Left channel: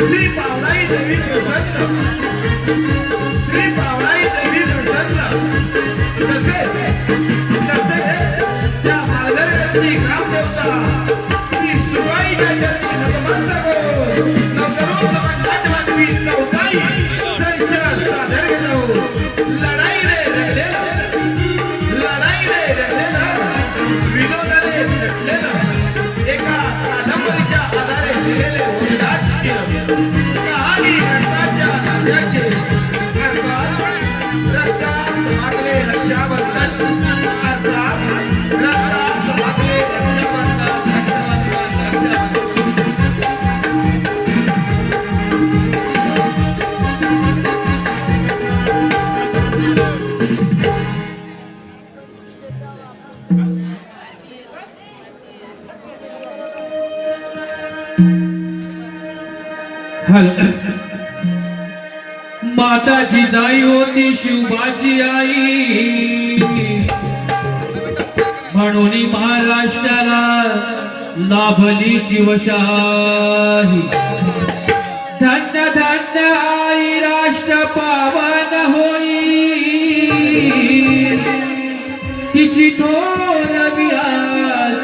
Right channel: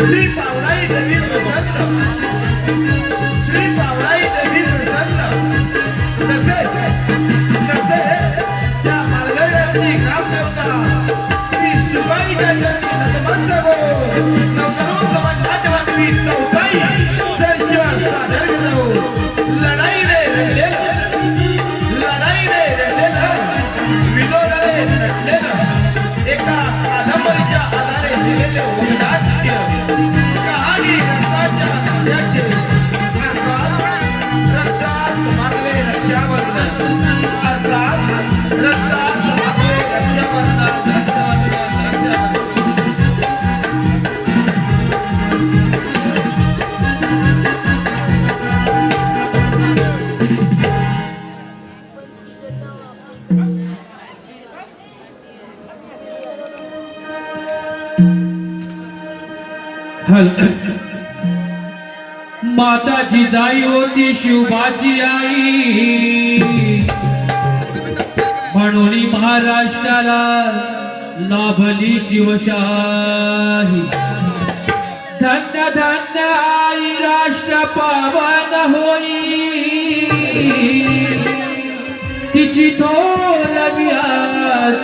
श्री पावलाई देवी प्रसन्न श्री पावलाई देवी प्रसन्न तसे तसे त्या मार्गदर्शनी ग्रामदेवता श्री सुबाई जयंती नमस्कार हो करून समाजात वाटवी चौकाई संचलन सादर घेतो लढाई रे रेलेला विलोरे नटलेला एका कादंबरीच्या आधारे दिलेले वंदाच्य कहाणी रक्ताच्या नात्याचे रक्तात मागले रक्षाबंधन रक्तात मागले रक्षाबंधन माताची जाई होती शिवबाची आई म्हणून महाराष्ट्राला लाभली शिवशाही धन्य धन्य आई राष्ट्र पावन होई तिची थोर बिहार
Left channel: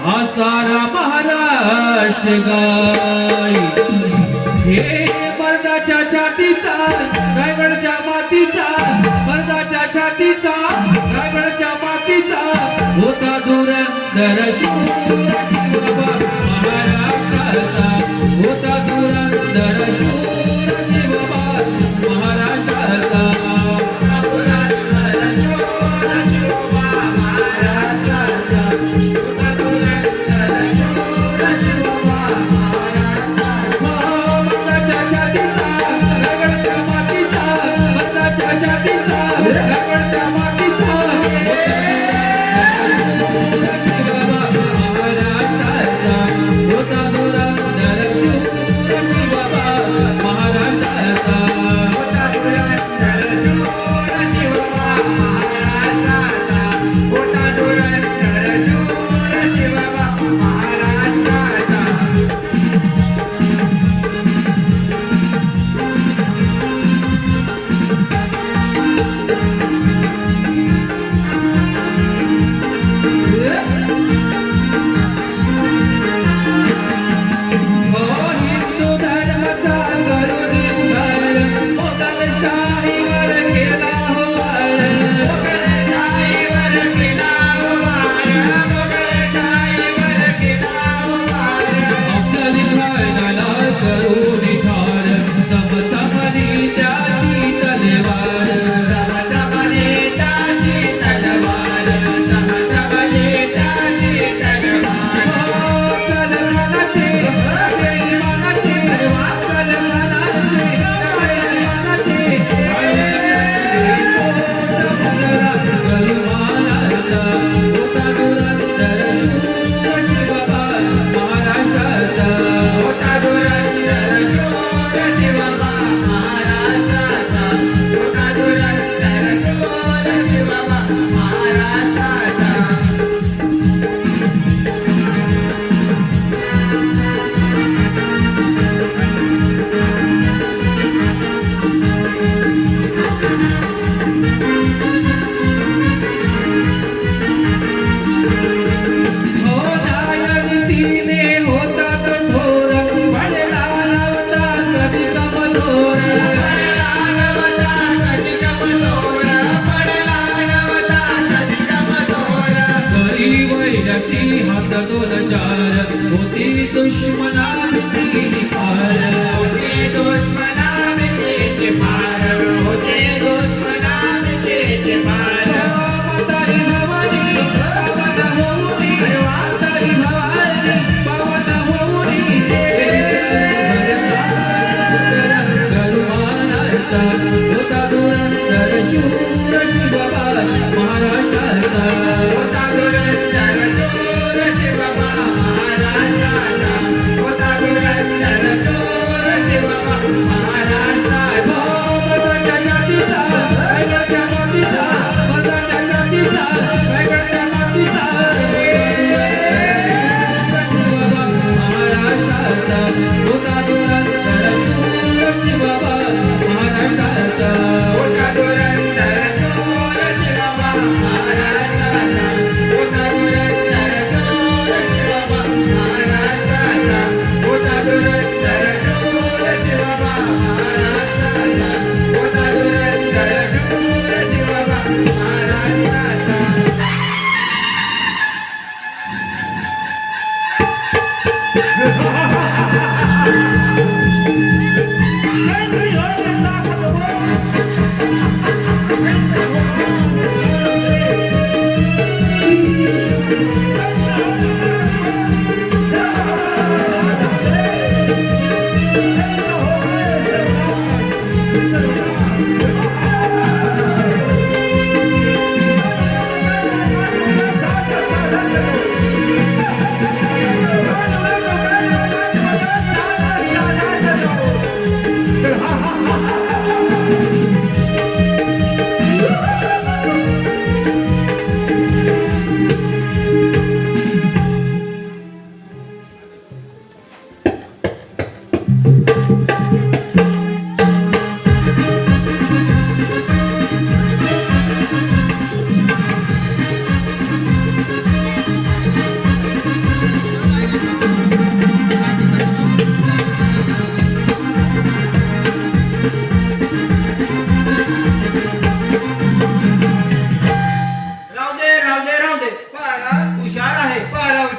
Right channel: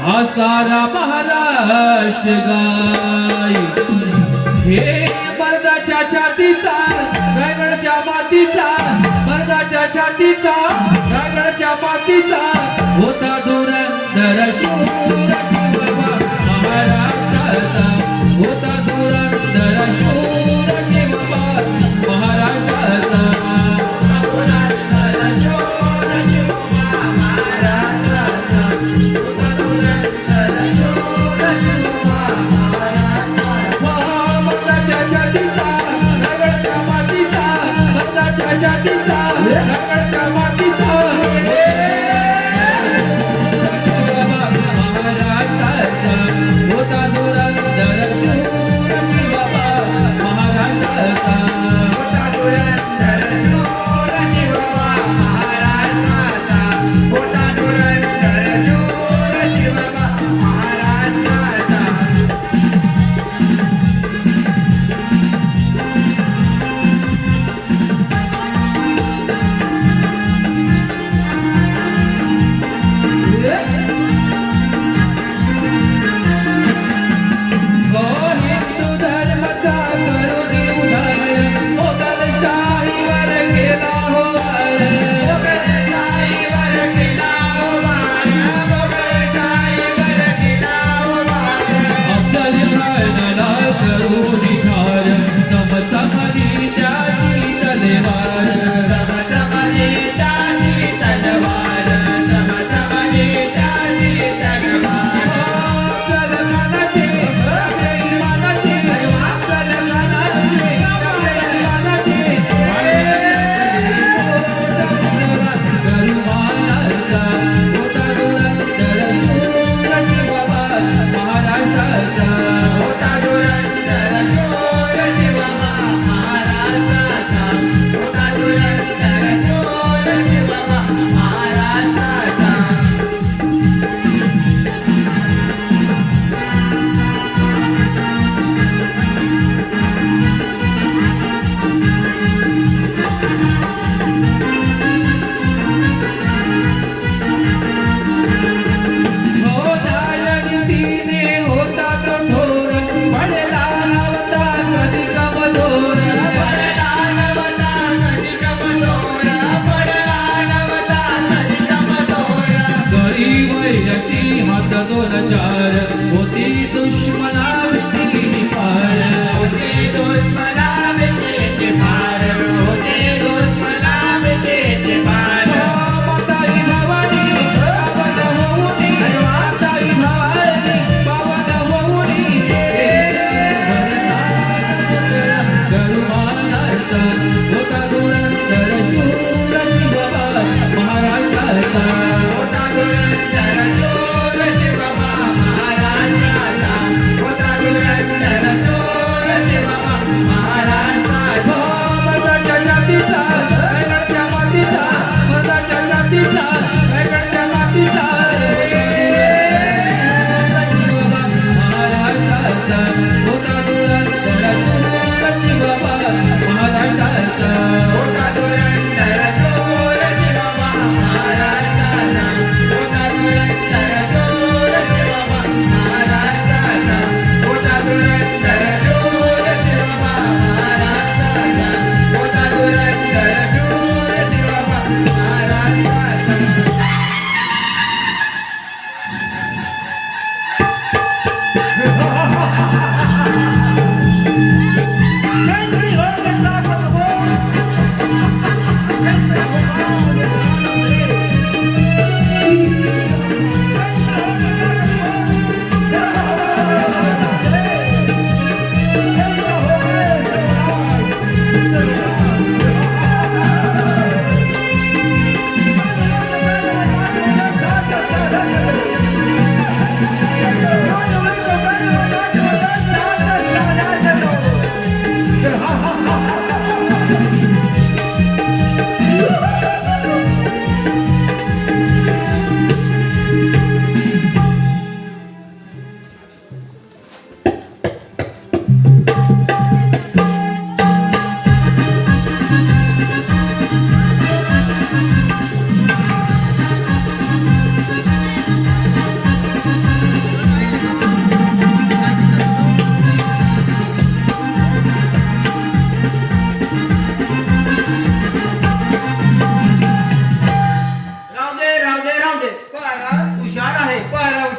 हा सारा महाराष्ट्र गाई हे मर्दाच्या छातीचा रायगडच्या मातीचा मर्दाच्या छातीचा रायगडच्या मातीचा होता धुरंधर शूर शिवबा महाराष्ट्राचा होता धुरंधर शूर शिवबा महाराष्ट्राचा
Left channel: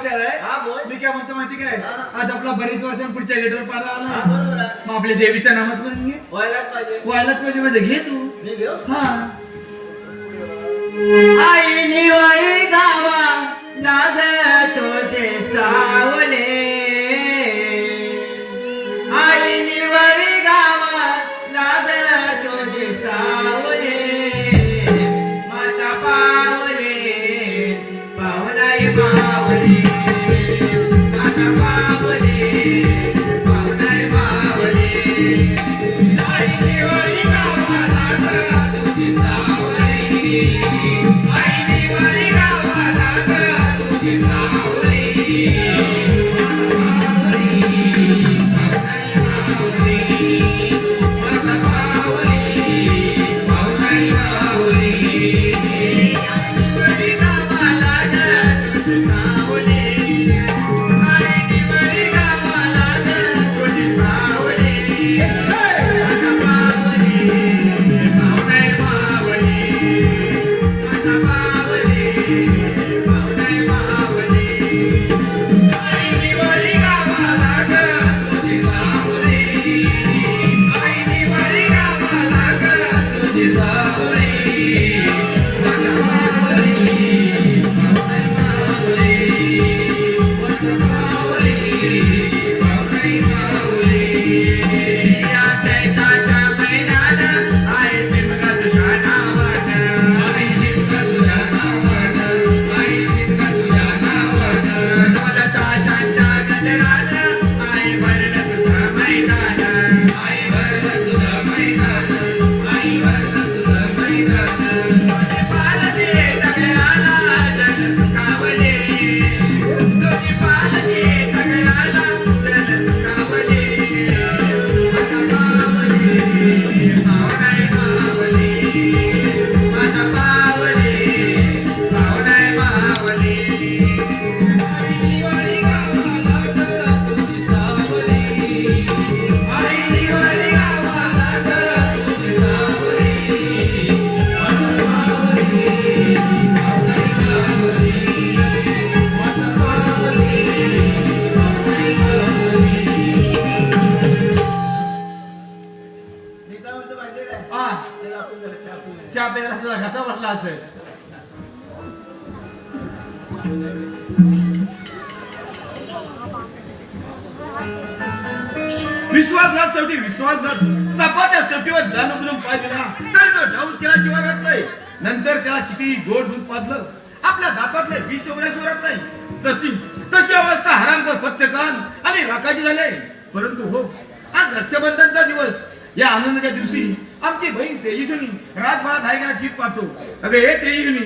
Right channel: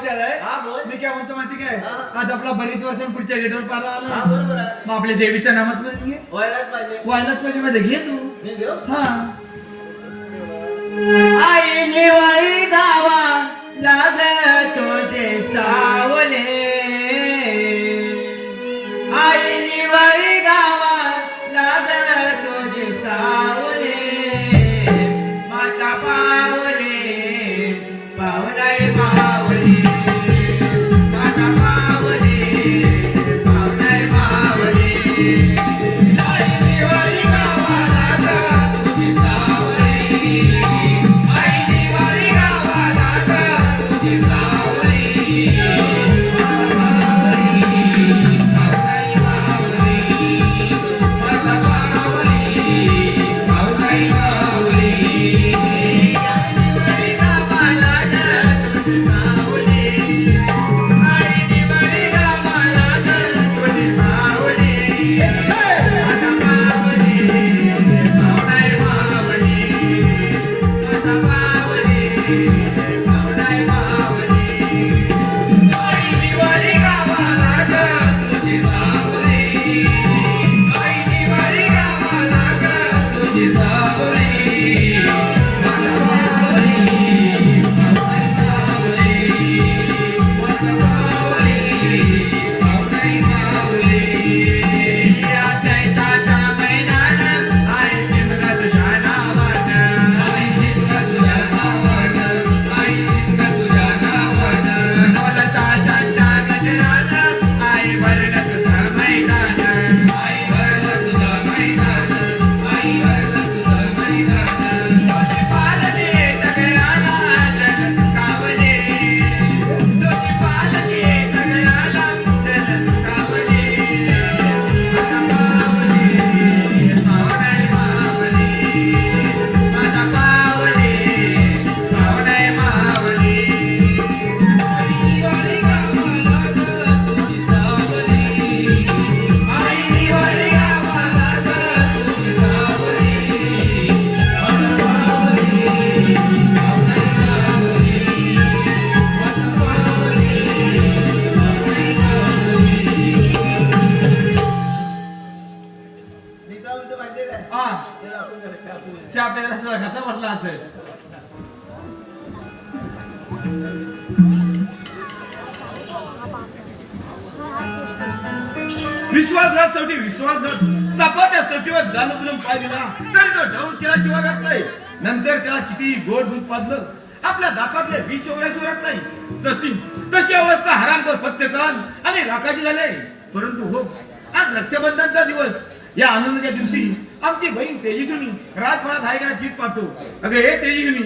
आलाय हा, बोल. मी काय म्हणतो माहिती काय हा. आज आपला बरीच वर्षां पुढच्या गेटवर पार हा, आला बरोबर आहे. मग आपल्या देवीचं नामस्मरण घे व्हायलाच पाहिजे. व्हायलाच पाहिजे मध्ये घे तू मी घेऊ? हा आई निवळी गावा लाग तुझे सावले. आई निवळी गावा लाग तुझे सावले. माता पावले पावलाय पावले. माता पावले पावलाय पावले. आई निवळी गावा लाग तुझे सावले. आई निवळी गावा लाग तुझे सावले. चहा प्यायला तुझा कसा बसला असेल विश्वासघात शेवटी विश्वासघात सापाच्या शेवटीवर जाणून पाय दिला तरी तो ढवस केल्याशिवाय राहत नाही. नंतर त्याला किती गोड दूध पाजलं आपल्या दातातले विष शिवण्याशिवाय राहत नाही. तशी अवस्था हरामखोर पत्तेकान आणि राखाची झाले. परंतु हो आज रक्षाबंधनचा दिवस या आनंदाच्या दिवशी आमची बहीण तेजस्विनी रातभरात हायगरा गीत पाहतो. अगं हे तेजस्विनी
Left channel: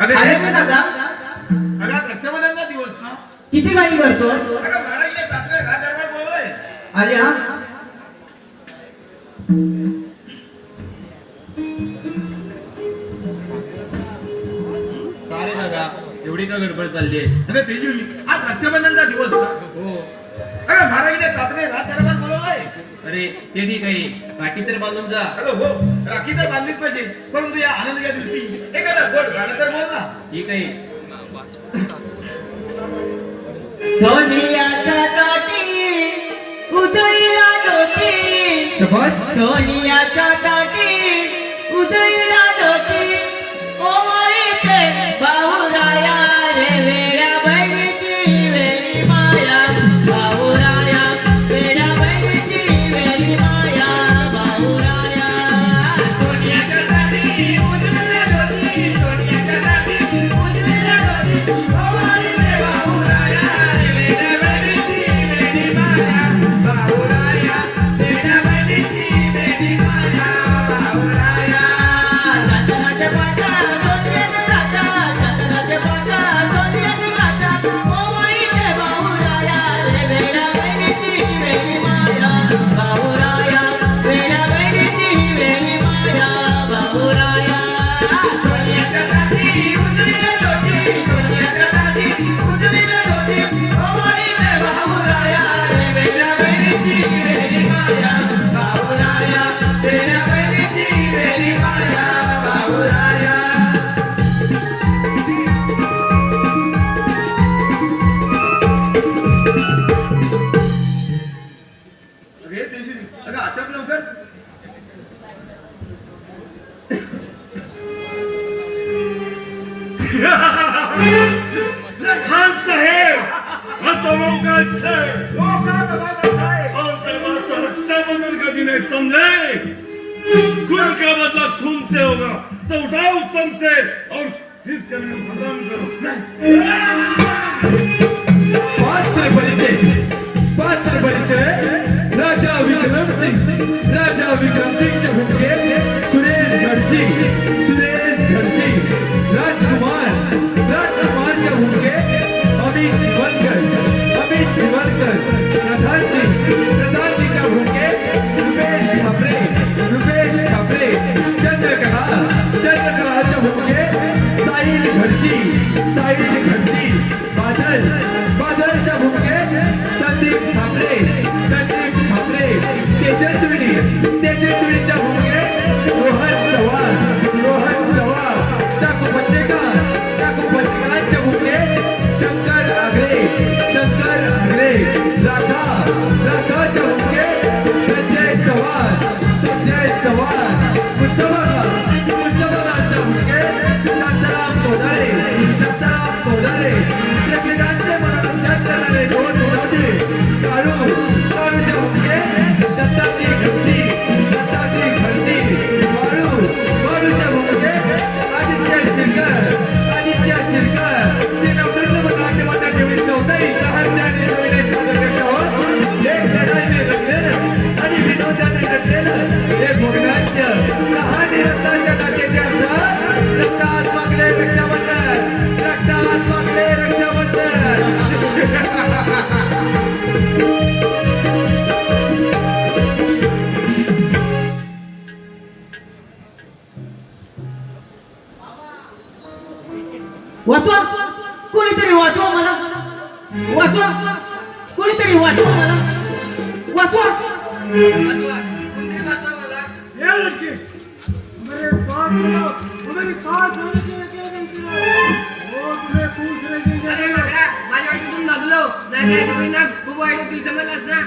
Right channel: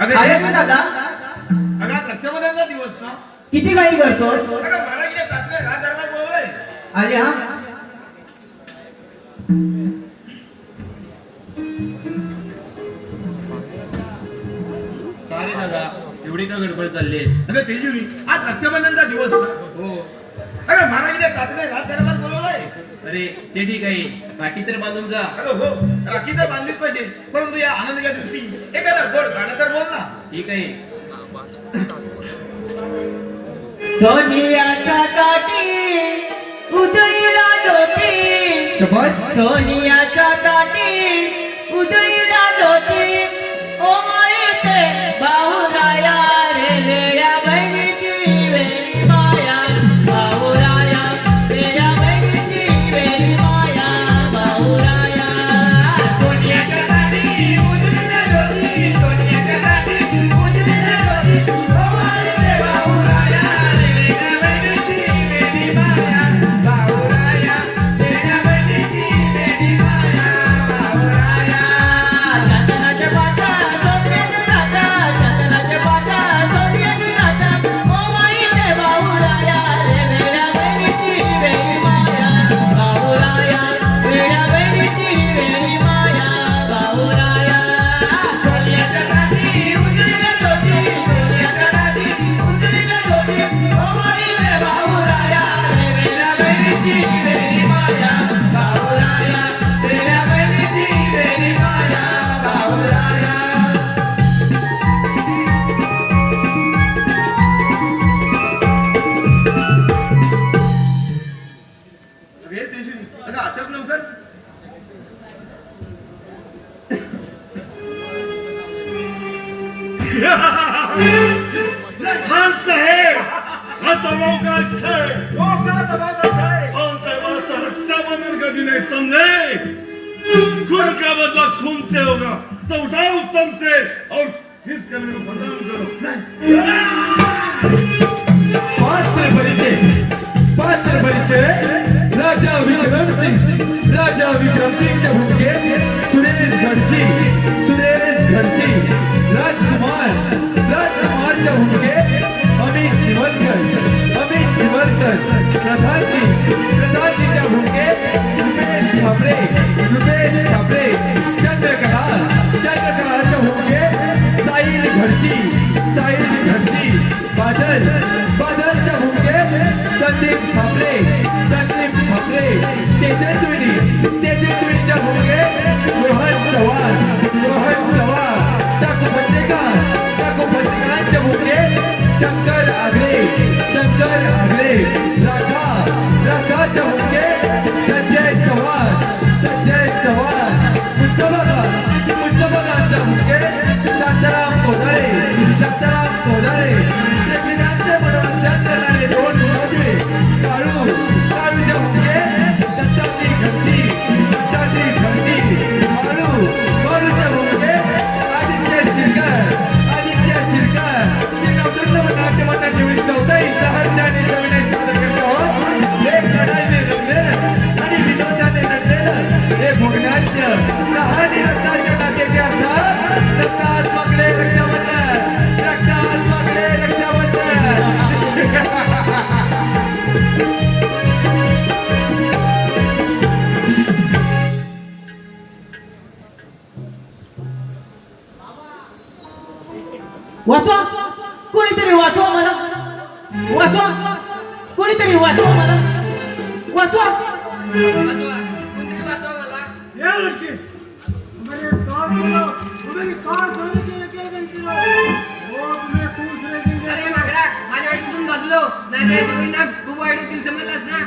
अरे रे अगं दादा, अगं रक्षाबंधनचा दिवस ना किती काही करतोस? अगं महाराजने रात्री रात दरबार बोलवलंय. आले हा. का रे दादा एवढी का गडबड चालली अगं तेजस्विनी आज रक्षाबंधनचा दिवस ना. हो अगं महाराजने रात्री रात दरबार बोलवलंय. अरे ते ठीक आहे बाकी तर बांधून जा. अगं हो राखी तर बांधलीच पाहिजे परंतु या आनंदाच्या दिवशी एखादा गोड गाणं तर बोल ना. ठीक आहे सोनियाच्या काठी उजळीला ज्योती. शबास सोनियाच्या काठी उजळीला ज्योती. ओळीते बाहुराया रे वेड्या बहिणीची वेली माया. बाहुराया वेड्या बहिणीची वेली माया. बाहुराया सोनियाच्या काठी उजळीला ज्योती. सोनियाच्या काठी उजळीला ज्योती. ओळीते बाहुराया रे वेड्या बहिणीची वेली माया. बाहुराया वेड्या बहिणीची वेली माया. दबाव का अच्छा है वो का दबाव अच्छा है और जगह तो रक्षाबंधन का दिन है समझे खून का बदला खून से होगा तो उठाओ उत्तम से और किस करने को खत्म करो पात्र परिचय राजा विक्रम सिंह च्या भूमिकेत सुरेश घडसी राजकुमारच्या भूमिकेत अमित निवलकर प्रधानजीच्या भूमिकेत रुपेश ठाकरे चंद्रकलाच्या भूमिकेत साहिल घडसी बादलच्या भूमिकेत संदीप ठाकरे तेजस्विनीच्या भूमिकेत रोहन चव्हाण टाकू पत्रिकांच्या भूमिकेत शंकर आगरे राधाच्या भूमिकेत संजय चव्हाण मुस्तफाच्या भूमिकेत शांताराम कोदारे प्रेक्षकांचे मनोरंजन करणारे दोन विनोदी काळूच्या भूमिकेत दत्ताजी घडसी बाळूच्या भूमिकेत आदित्य शिरकर दुर्लभ नाट्य मंडळ निवडी चौथाई सहाय्याने नवीन सादर करत आहोत एक लढाईने रंगलेलं आणि विनोदाने नटलेलं हे भोगनाट्य आणि रक्ताच्या नाट्याचे अर्थ रक्तात मागणे वाचवा कोणीतरी वाचवा मला वाचवा कोणीतरी वाचवा मला वाचवा अरे मागडा माझ्या वाटीतून भाजलो नाही तर खूप वाईट होतील समजलास ना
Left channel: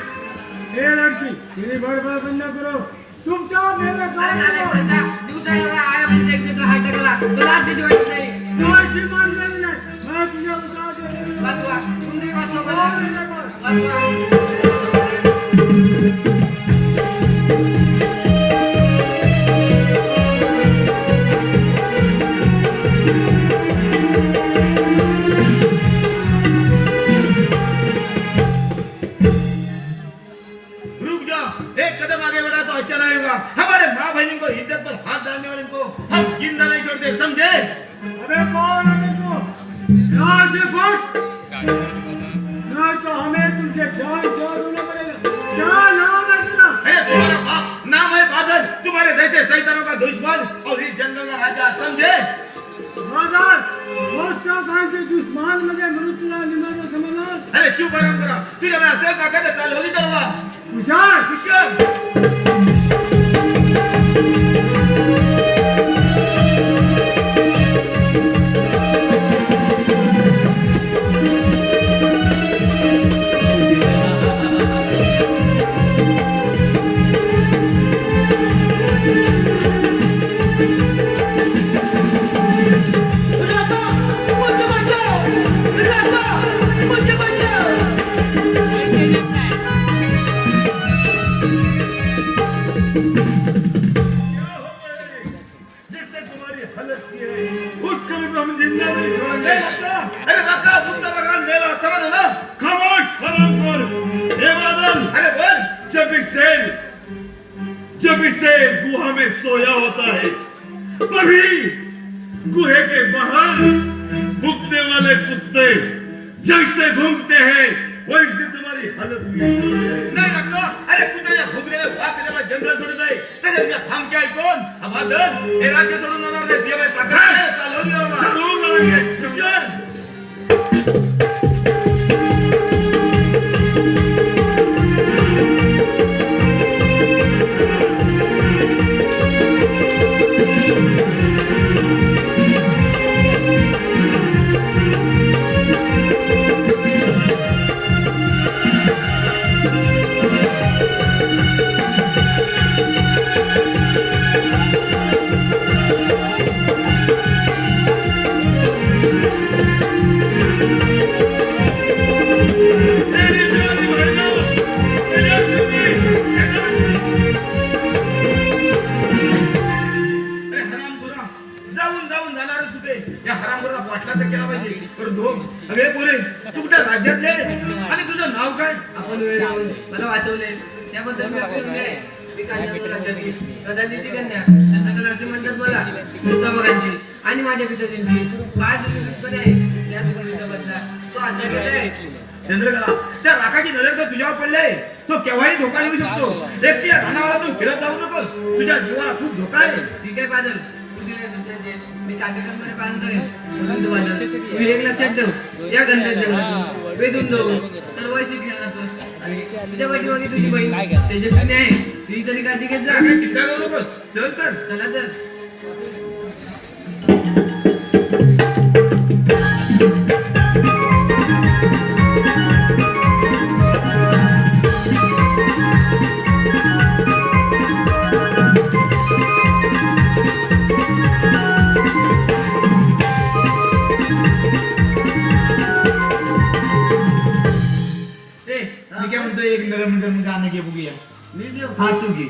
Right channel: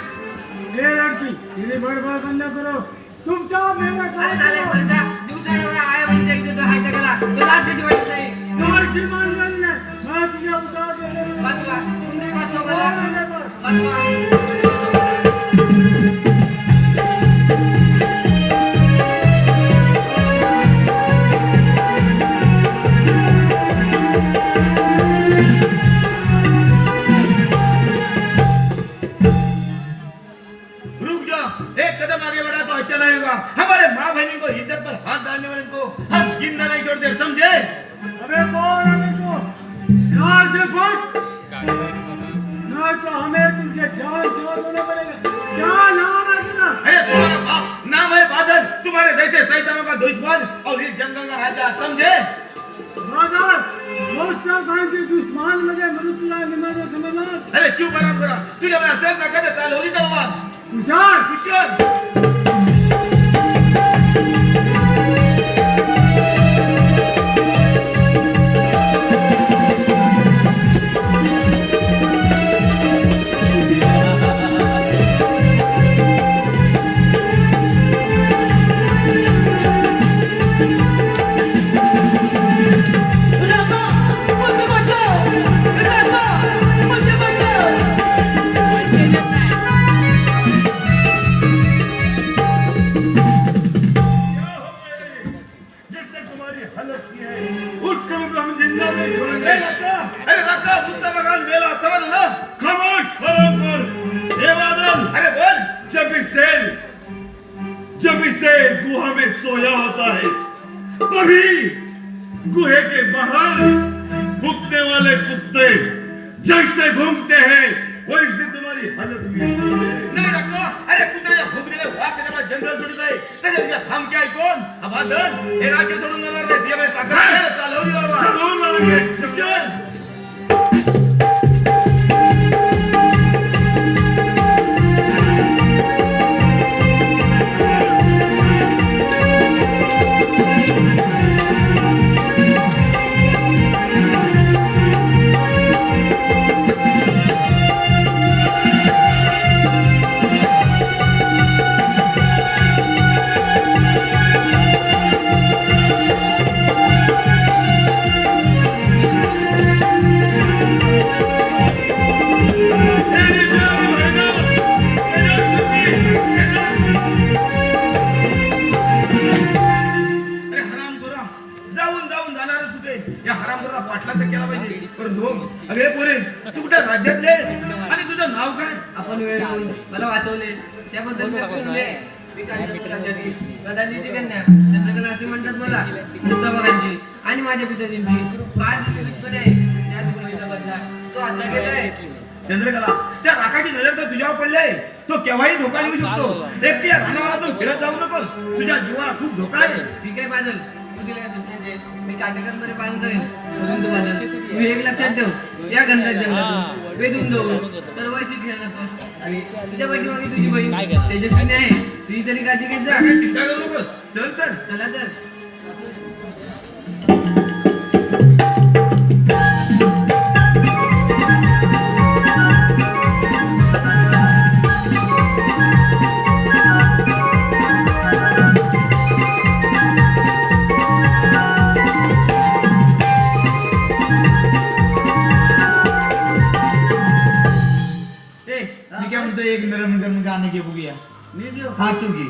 तुमच्या अरे नालायक माणसा दिवसा एवढा आया म्हणजे एक देतो हात टाकायला तो लाज कशी वाटत नाही वाचवा कुंदरी वाचवा मला वाचवा रुक जा एक कदम आगे बढ़ा तो अच्छा लगेगा हमारे माँ बहनी को इज्जत पर हाथ डालने वाले को हम जिंदा नहीं छोड़ते समझे अबे कौन है को राज गुट ना तो हमें तुमसे जान छोड़ होना पड़ेगा क्या नाम है तेरा अरे तुम्हारा बाप नाम है बादल तुम्हारे जैसे शैतानों का दुश्मन और इस जंगल का राजा समझे बादल दोस्तों कांचे दुश्मन मुझे मरुतला निमानो समझना अरे क्यों गरम करा तुझे मैं ऐसे काका के ताल होगी तो हुआ कुशाल जिसने तुम्हारी हालत की है उसको भी तो हम जिंदा नहीं छोड़ेंगे अरे रखा मुस्तफा खान मेला समझ ना खामोश बराबर ये बादल अरे बोल जब इसे गुहा में सोया होता है तभी गुहे के बाहर भूखने वाले कुत्ते जैसे घूमते हैं वैसे तुम्हारी हालत हुई है नहीं रखा अरे कुत्रे भूखने में वाक जब जंगल छोड़ गए तेरे ये हम क्या कौन अब बादल ये राज्य छोड़ूंगा ना रे ये मैं ताकत है ताल होगी बाबा जरूर आएंगे चल तू कुठे राज्यातले आणि तुझं नाव काय? आपण वेळ लावून मला वाचवले त्याबद्दल मी आपली आहे. मी काढतो राज्यातली प्रधानजी कन्या चंद्रकला असे म्हणतात मला मुस्ताफांची आणि माझ्या पिताजींची 5 दिवस आहे त्या दिवशीचा बदला तो असा घेत आहे. चंद्रकला त्या राखाची नजर तर तुझ्यावर पडले, तो केव्हाही धोका देऊ शकतो. एकटी या रानावरातून फिरत जाऊ नकोस, तुझ्या जीवाला खूप धोका आहे. ठीक आहे बादल तू दिले सुचते मी काटेकरमध्ये पालन करेन. परंतु बादल तू एक लक्षात ठेव या गंधर्व जंगलातून वेधून जाऊन तर वैशी खेळत नकोस आणि तुझ्या पाठीमागे तुझी बहीण तेजस्विनी आहे ती तरी काळजी घेत जा. काही चिंता करू नकोस, चल तर. चला तर मी काय म्हणतो एक नरम गाणं घे बघूया. मी घेऊ. हा तू घे.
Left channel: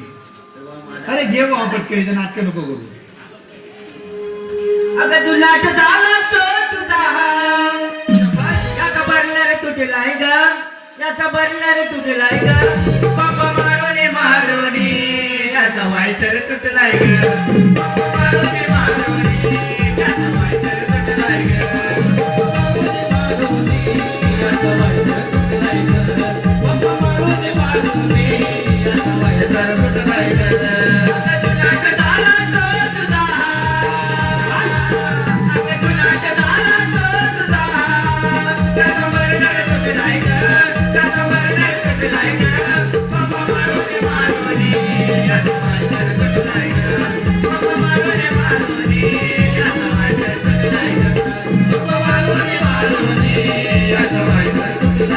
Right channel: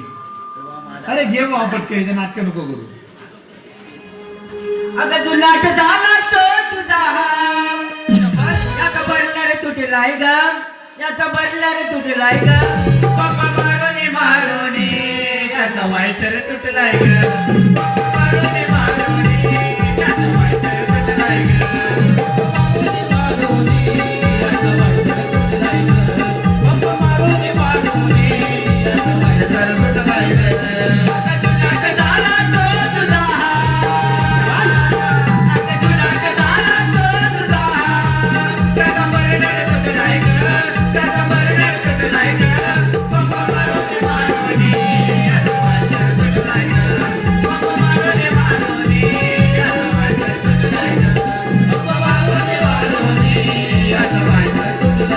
अरे घे बाबा पटकन नाटक नको करू. अगं तू नाट झाला तो तुझा याचा बरणार तुटलाय ग याचा बरणार तुटलाय ग पप्पा मारोने मारोने याचा वायसर तुटलाय ग मारोने मारोने याचा वायसर तुटलाय ग मारोने याचा वायसर तुटलाय ग पप्पा मारोने मारोने याचा वायसर तुटलाय ग अगं तू नाट झाला तो तुझा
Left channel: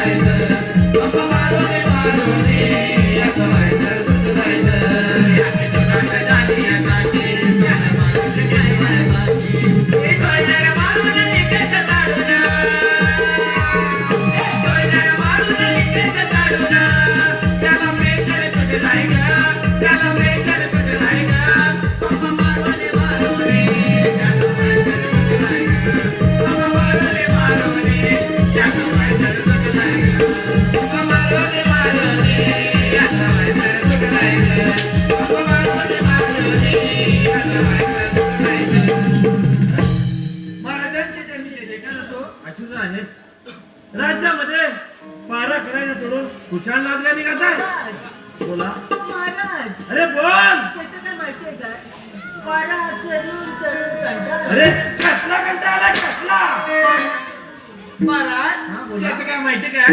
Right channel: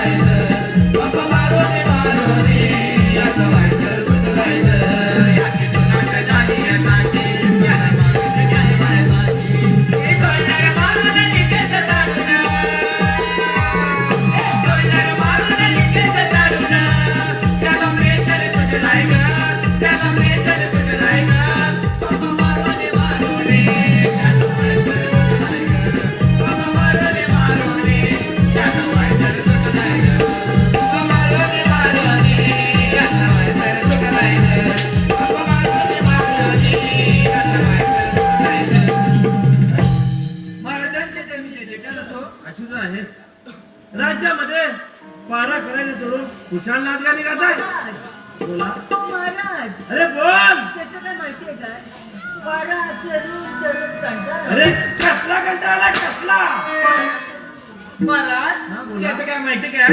राज्यामध्ये पारा करायला सोडून कुशाण नाचगा निघत आहे. बोला महाराज अरे बोल. त्याचं काय माहितीये काय वारा चढून चढून कंटाळा. अरे कसला कंटाळा कसला. महाराज त्याचं काय माहिती काय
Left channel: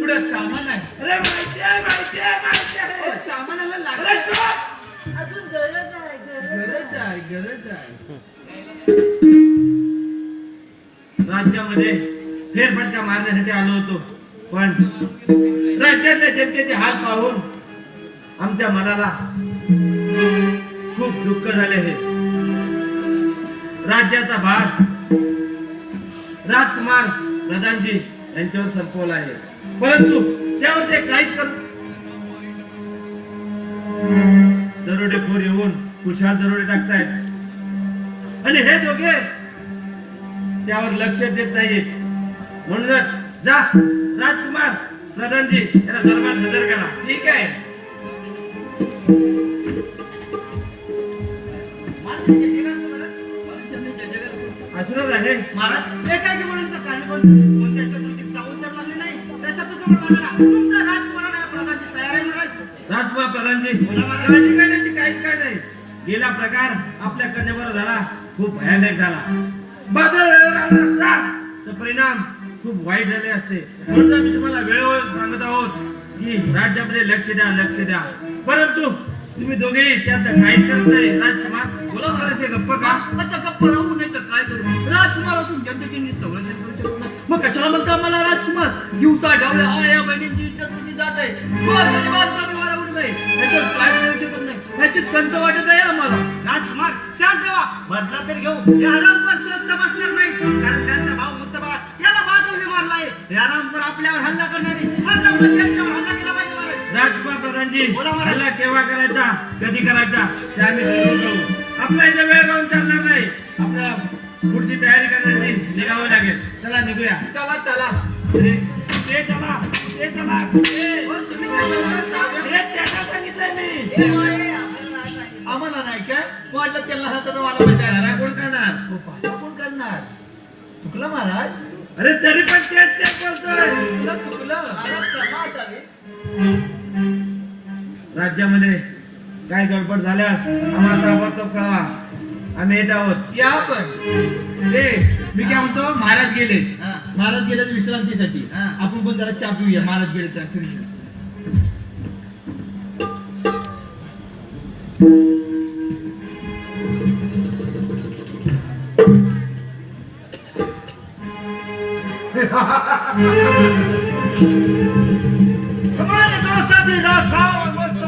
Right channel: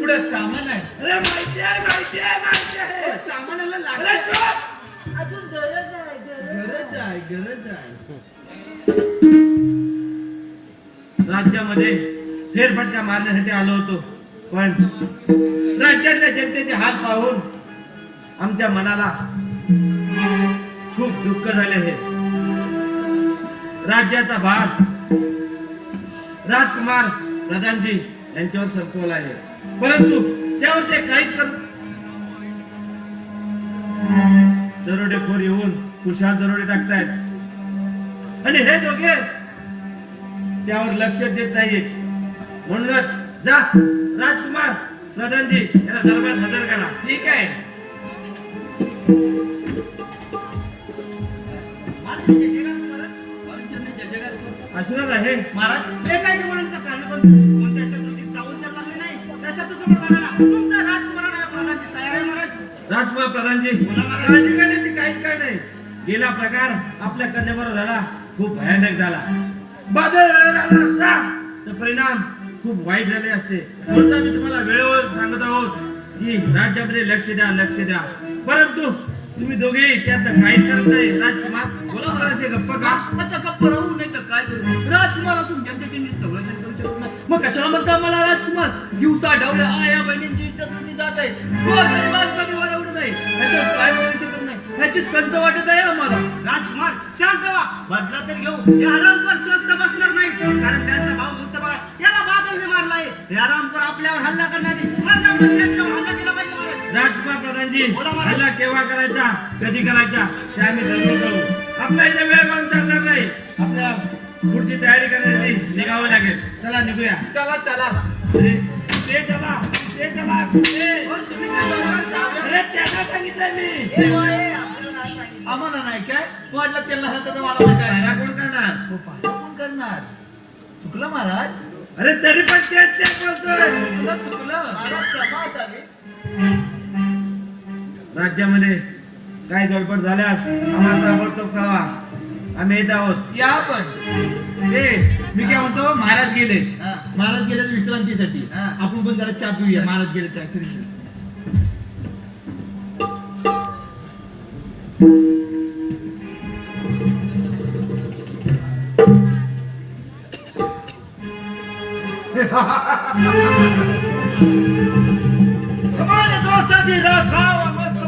पुढे सामान आहे. अरे माहिती आहे माहिती आहे माहिती आहे. सामानाला अरे लागत चुप. अजून गरज आहे गरज आहे. राज्यामध्ये फेरफटका मारण्यासाठी आलो होतो पण राज्यातल्या जनतेचे हाल पाहून आमच्या मनाला खूप दुःख झाले आहे. राज्याचा भार राजकुमार प्रधानजी यांच्यावर संपवला आहे परंतु त्यावर ते काहीच कर दरोडेखोर येऊन कुशाल दरोडे टाकतायत आणि हे दोघे त्यावर लक्ष देत नाहीत. म्हणूनच जा राजकुमार प्रधानजी याला दरबार हजर करा. ठीक आहे. असणार आहे महाराज हे काय की म्हणून कारण कोणत्या शत्रूची चावून तर लागली नाही त्या शत्रूजवळ जाणारा तुमचा राजकुमार प्रधानची तयार आहे महाराज. राजकुमार प्रधानजी बोला महाराज. काळजी करण्याची काहीच काय नाही. गेला प्रकार आपल्या कन्यावर झाला खूप भयानक झाला. बादल परिणाम खूप वाईट झाले असते. म्हणून आम्ही तुम्हाला वेळोवेळ सांगत आहोत की राज्यामध्ये लक्ष द्या परंतु तुम्ही दोघे त्याचं काहीच करत नाही. राजकुमार बोला मला असे गप्प का. असं गप्प राहू नाही तर काय करू. राजकुमार असून जनतेची नीट संरक्षण करू शकत नाही मग कशाला म्हणता मला राजकुमार. दिवसा ढवळ्या आया बहिणींची इज्जत तुझी जात आहे. गोरगरिबांचा उडत आहे याच्यावर काय करू शकत नाही. याचीच खंत वाटत आहे आम्हाला. राजकुमार शांत व्हा. बदला तर घेऊ. हे आरामकर स्वस्त बसणार नाही कारण त्यांचा भाऊ मुस्तफा याला बादलने मारलाय. हे आरामकर आपल्यावर हल्ला करणारे माझा पण त्यांच्यावर हल्ला केला पाहिजे महाराज. राजकुमार प्रधानजी बोला महाराज. हल्ला केव्हा करायचा कधी करायचा ते आम्ही ठरवून करू. आपल्या इथे वेळ लावून चालणार नाही. आपल्याला पुढची तयारी करण्याची निघावं लागेल. चला निघूया. चला चला. ते चला अरे त्याला सांगितलं मी आम्हाला नाही काय वाटलं त्याला हलतं तर मला वाटायला त्याला कोण करणार कोण करणार चुकलं महाराज अरे तरी पण तेच बोलतोय चुकलं राज्यामध्ये काय गडबड झाल्यास आम्हाला ताबडतोब कळवा आम्ही येत आहोत या पण मी काय म्हणतो महाराज गेले विश्रांतीसाठी आपण पण जरा चहा पिऊया महाराज गेले त्या हमारे दोस्त साथी राखा मस्त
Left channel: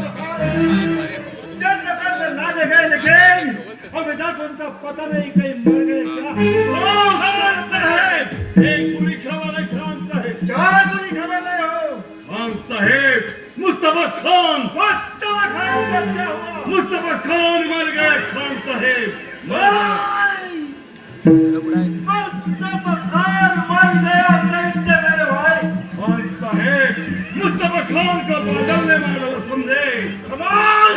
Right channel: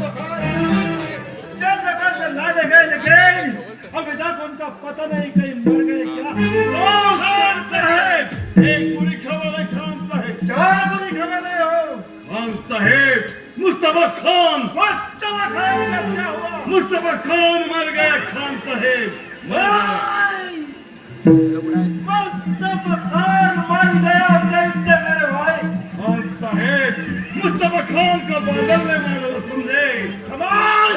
चंद पर ना देखे लेकिन अभी तक उनका पता नहीं कहीं मर गए क्या ओ खान साहब एक बुरी खबर है खान साहब क्या बुरी खबर है हो खान साहब मुस्तफा खान का क्या हुआ मुस्तफा खान मर गए खान साहब मुस्तफा खान मर गया कैसे मेरे भाई खान साहब मुस्तफा खान का बादल ने मारा समझे खमास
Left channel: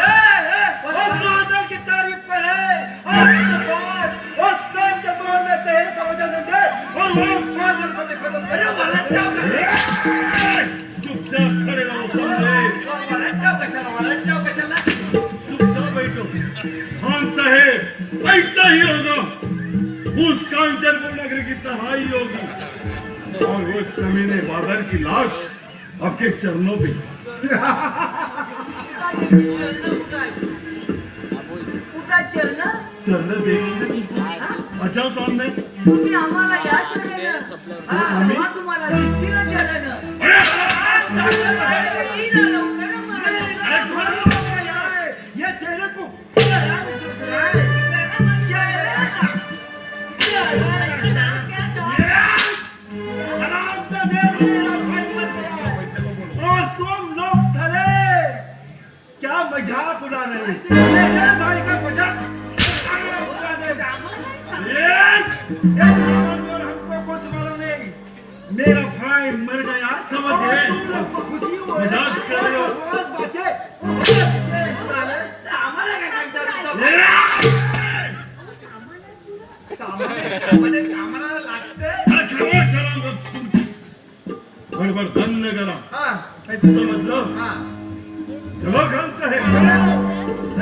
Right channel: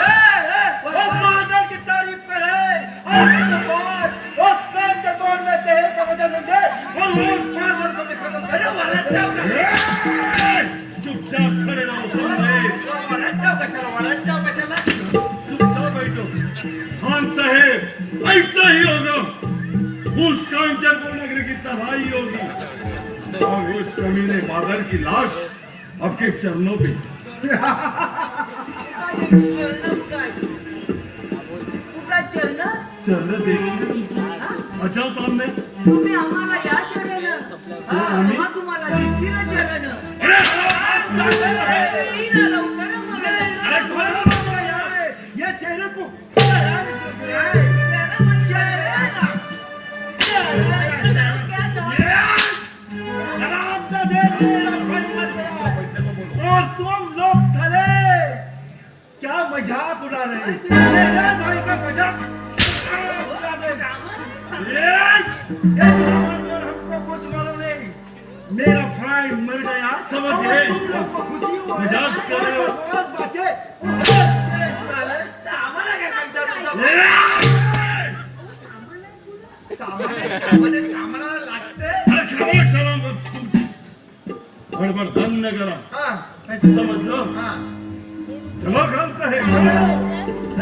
हम बादल की तारीफ पर है आज के बाद उस खान के बार में तेरे का वजह देंगे और वो उस बादल को भी खत्म करेंगे चुपचाप खड़े रहो समझे चुपचाप बैठो खान साहब ऐसा ही होगा उस कांचनपुर नगरी की तबाही होगी और उस कमीने बादल की लाश आपके चरणों पे चरण देखिए अच्छा सामने तुम्ही आम्हाला या शहरानं तुम्हाला दिसतील चरण अरे खोलो यार ये तेरे को और तुम लोग सारे क्या मजाक उड़ा रहे मेरे भाई का मजाक हमको कुछ मालूम नहीं मेरा भाई मर गया समझ गए मजाक कर रहे हो गडबड बंद करा समजलो चलो खान साहेब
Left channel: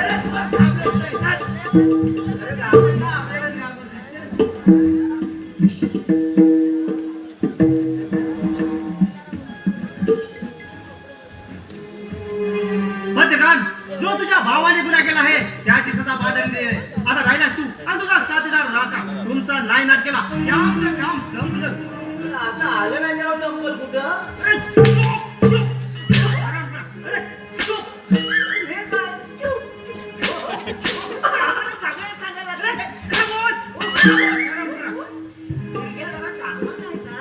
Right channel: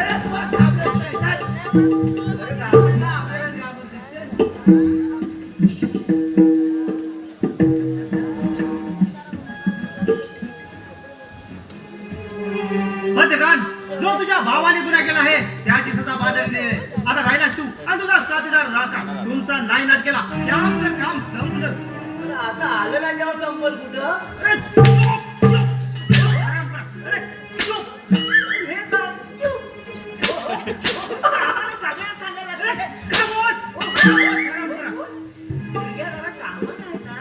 मध्यकान जो तुझ्या भावाने गुन्हा केला आहे त्याची सजा बादल दे आता राहिलास तू आणि तुझा साथीदार राहता तुमचा नायनाट केला त्या आमचं काम संपलं आता आलं ना जेव्हा संपल कुठं अरे चुप, चुप. अरे चुप. हे काय? आम्हाला सगळ्यांना सांगायला लागलं. खामोश. हे जरा सांगून नाही का?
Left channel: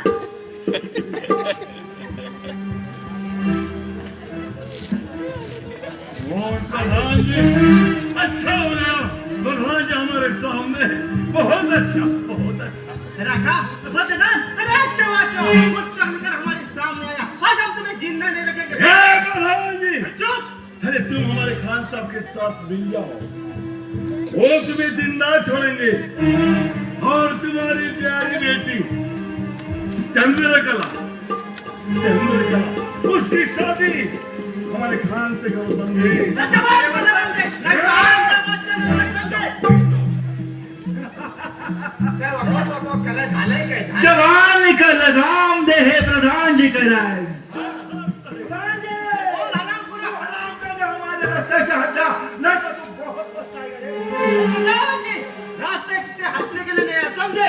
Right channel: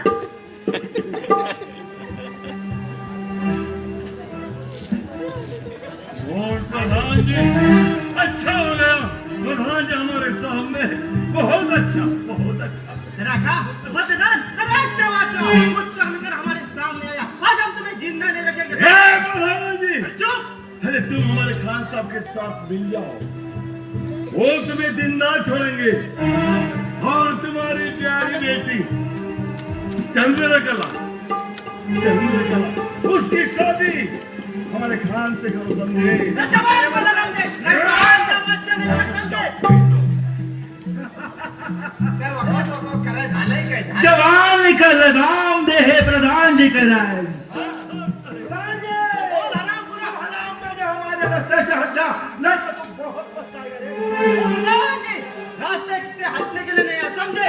और प्रधान जी अच्छा हो गया प्रधान जी हमारे सामने बहुत अच्छा रखा मध्यकान अरे अच्छा वाचो कुछ कर हमारे सामने आया आज हम तुम्हें जिंदा नहीं रखेंगे हे प्रधान जी चुप. अरे तुम हमारे खान साहब के साथ मिल जाओ वो तुम्हें जिंदा छोड़ेंगे और तुम्हारी प्यारी बेटी चंद्रकला उसकी शादी हमारे खान से करो समझे अच्छा बाहर को लगाम दे रखा बच्चा नहीं समझे काय वाटलं काय झालंय काय जवान का लगाम दे हे प्रधान जी कराय हमारे रास्ते से हट जा नहीं तो तुम बहुत पछताएगा रास्ते से हटने के लिए नहीं है समझे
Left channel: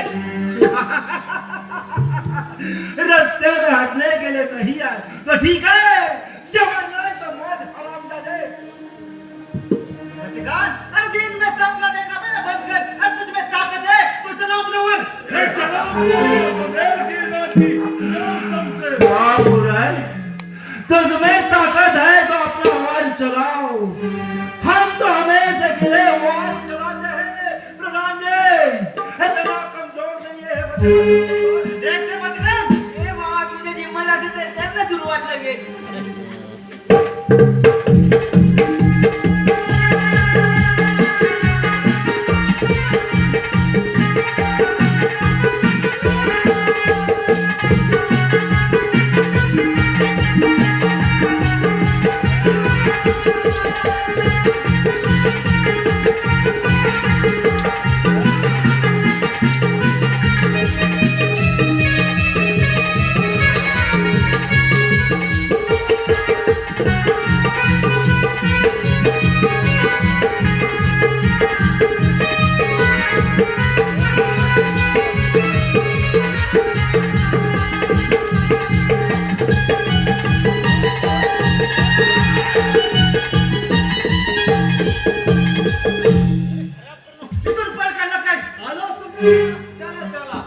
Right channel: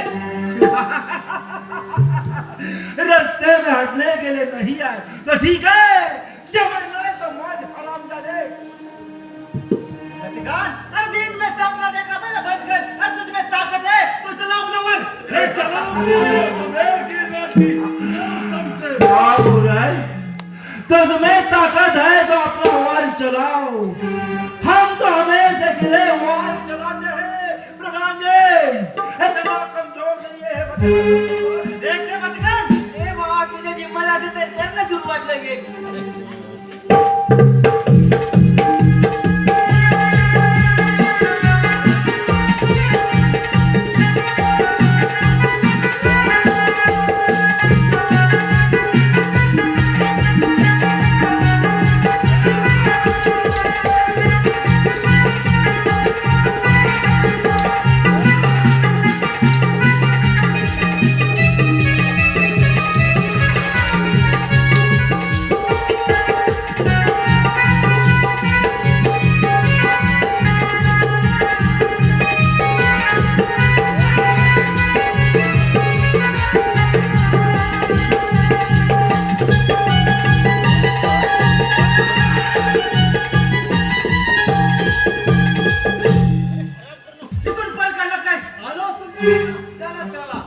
रास्ते में हटने के लिए नहीं आए तो ठीक है जमाना है तो मौज हराम जाने हर दिन में सपना देखना पहले बंद कर अब तुझ में ताकत है तो चलो अपना वर ये चला बंदेल की नाती सबसे बाबू राय तो तुम्हें ताकत है तो अपना वाल चलाओ हम तो हमेशा के लिए वाल चलाते हैं प्रधान जी इतना कमजोर नहीं है देखते मत कर ए बाबा तुझे लगे इथून पळ काढला काय आलो तुम्ही चला चला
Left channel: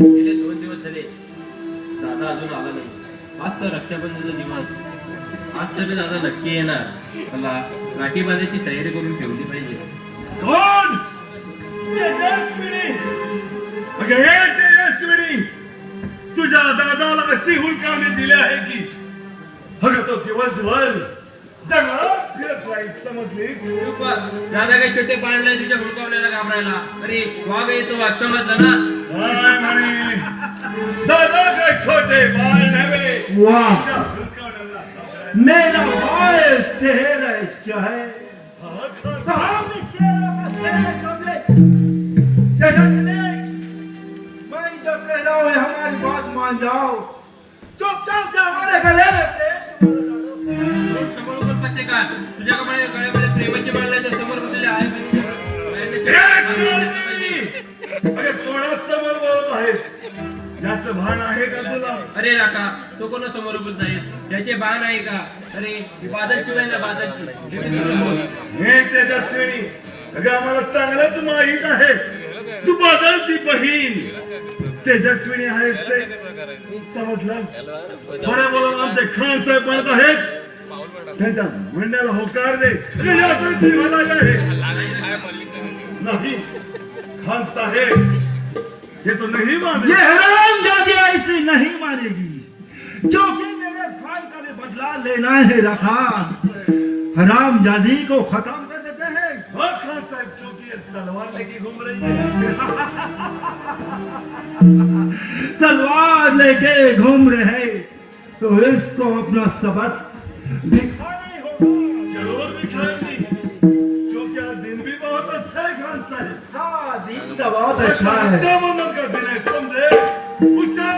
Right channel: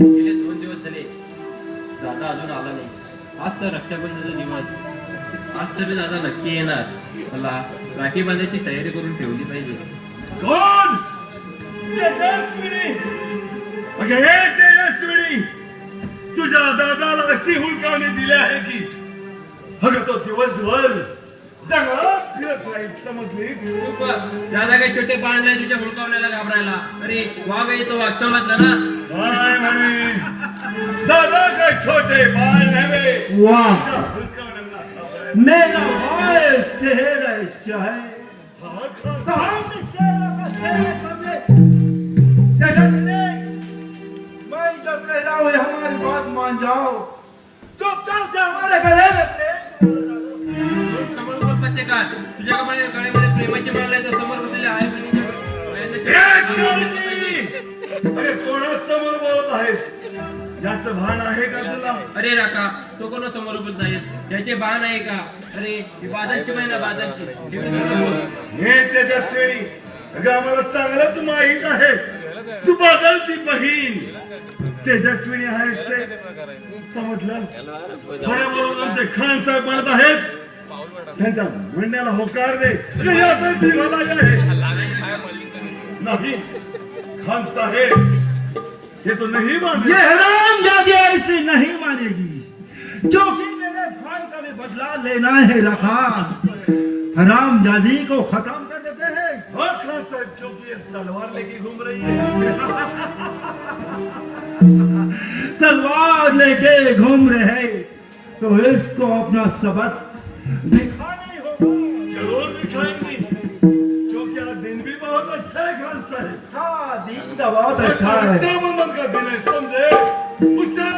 गेले 2 दिवस झाले दादा अजून आला नाही. आज तर रक्षाबंधनाचा दिवस. आज तरी दादा नक्की येणार. मला राखी बांधायची तयारी करून ठेवली पाहिजे. कोण तेजस्विनी अगं हे तेजस्विनी तुझ्या दादाला अशी हुलकावणी दिली आहे की अगं तो दिवसभर जंगलात फिरत राहील समजलीस चुप बस. दादा काही छोटे बाळ नाही तुझ्या हुडकावण्याला घाबरायला. अरे वाघ येतो वाघ समजलं ना. काय म्हणे दादा काय छोटे बाळ नव्हे वाह तुझ्या हुलकावण्याला घाबरायला. मेरा भाई शहर है शहर हा का? तो हम इस शहर का शहर समझे तेजस्विनी मैं जो कह रहा हूँ हमारी बात मान जाओ चुपचाप से हमारे गले में प्रेम समोर बोल प्रत्येकात. तुझ्या गळ्यामध्ये प्रेमाची माळ नाही तर समोर बसलेले आहे. एक मुलगी! अरे कोणासमोर बोलत आहेस याचं भान आहे का तुला अरे राका तो कोण समोर बोलत आहेस. त्याचे बाण आहे का. अरे ही बादलची बहीण आहे बादलची. एवढी मोठी बोल. हे तेजस्विनी अगं आम्हाला चांगलंच माहीत आहे तू बादलची बहीण तेजस्विनी आहेस ते समजलं बरोबर आमचे खान साहेब म्हणत आहेत त्यांच्या म्हणण्याला होकार दे अगं याचा जीवाला काय नाही खान साहेब ये तो नहीं मान ये हरामजादी ऐसे नहीं मानेगी क्योंकि मेरे भाई का भी बदला लेना है रखा हरामजादी को खत्म कर देते हैं हाँ खान साहब क्योंकि ये तलवार लेके घूम रही है तलवार लेके घूम रहे हैं तो इसको अपना सबक दिखाना ही होगा जरूर दिखाएंगी क्योंकि आज दिन भी बहुत अच्छा है खान साहब हाँ दिन का बहुत अच्छा है रक्षाबंधन का दिन है समझे उससे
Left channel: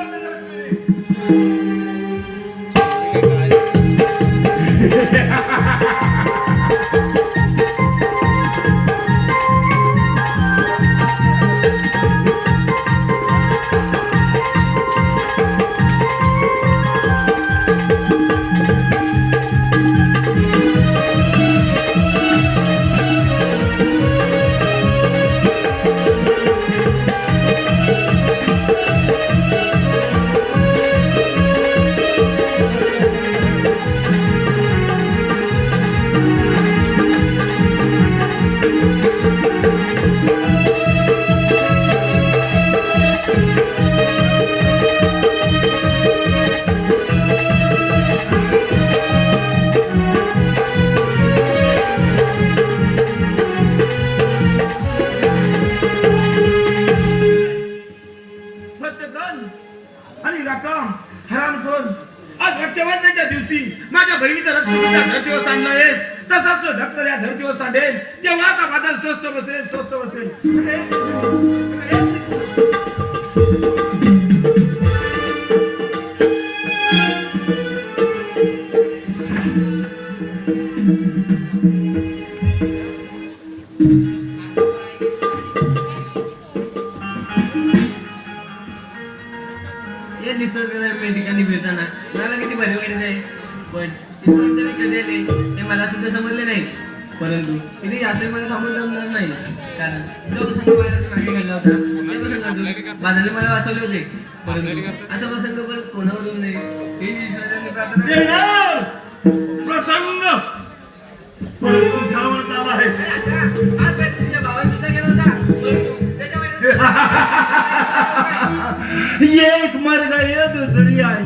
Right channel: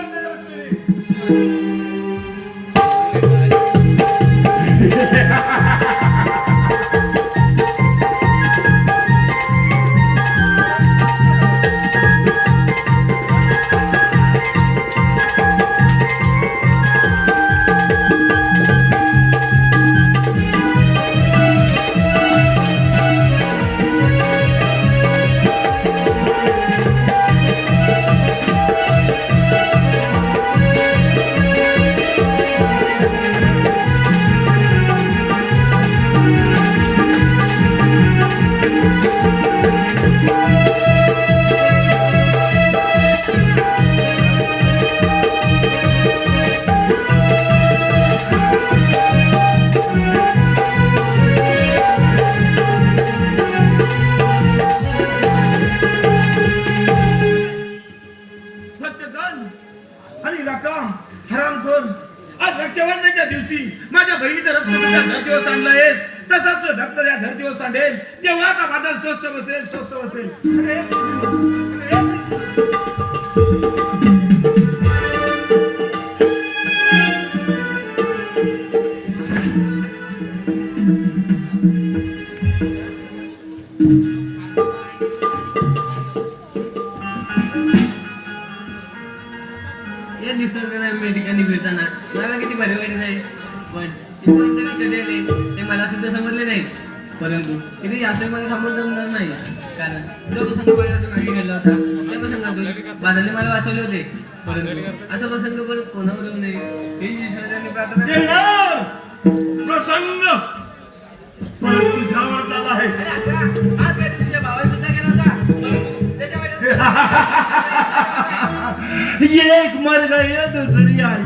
रक्षाबंधनाच्या दिवशी माझ्या बहिणीचं रक्त तुझ्या धर्तीवर सांडलंयस तसाच तो धक्त त्या धर्तीवर सांडेल तेव्हा का बादल स्वस्त बसेल स्वस्त या निसर्गरम्य ठिकाणी फिरताना मला किती भारी वाटत आहे. पण इथून तरी कधी आले ते मला सुद्धा समजले नाही. परंतु इथे जास्त मला थांबून जमणार नाही. कारण जो प्रसंग माझ्या मागे घडला होता त्या प्रसंगातून बादलने मला वाचवले होते. परंतु असा प्रसंग पण कोणावर होऊ नये ही ईश्वराने प्रार्थना येणार प्रसंग परत तुझ्यावर आला आहे. अरे अक्का, आज पाहिजे तुझ्या भावाने सुद्धा केला होता परंतु त्याच्या वाटेत एक मर गई दुसरी आई.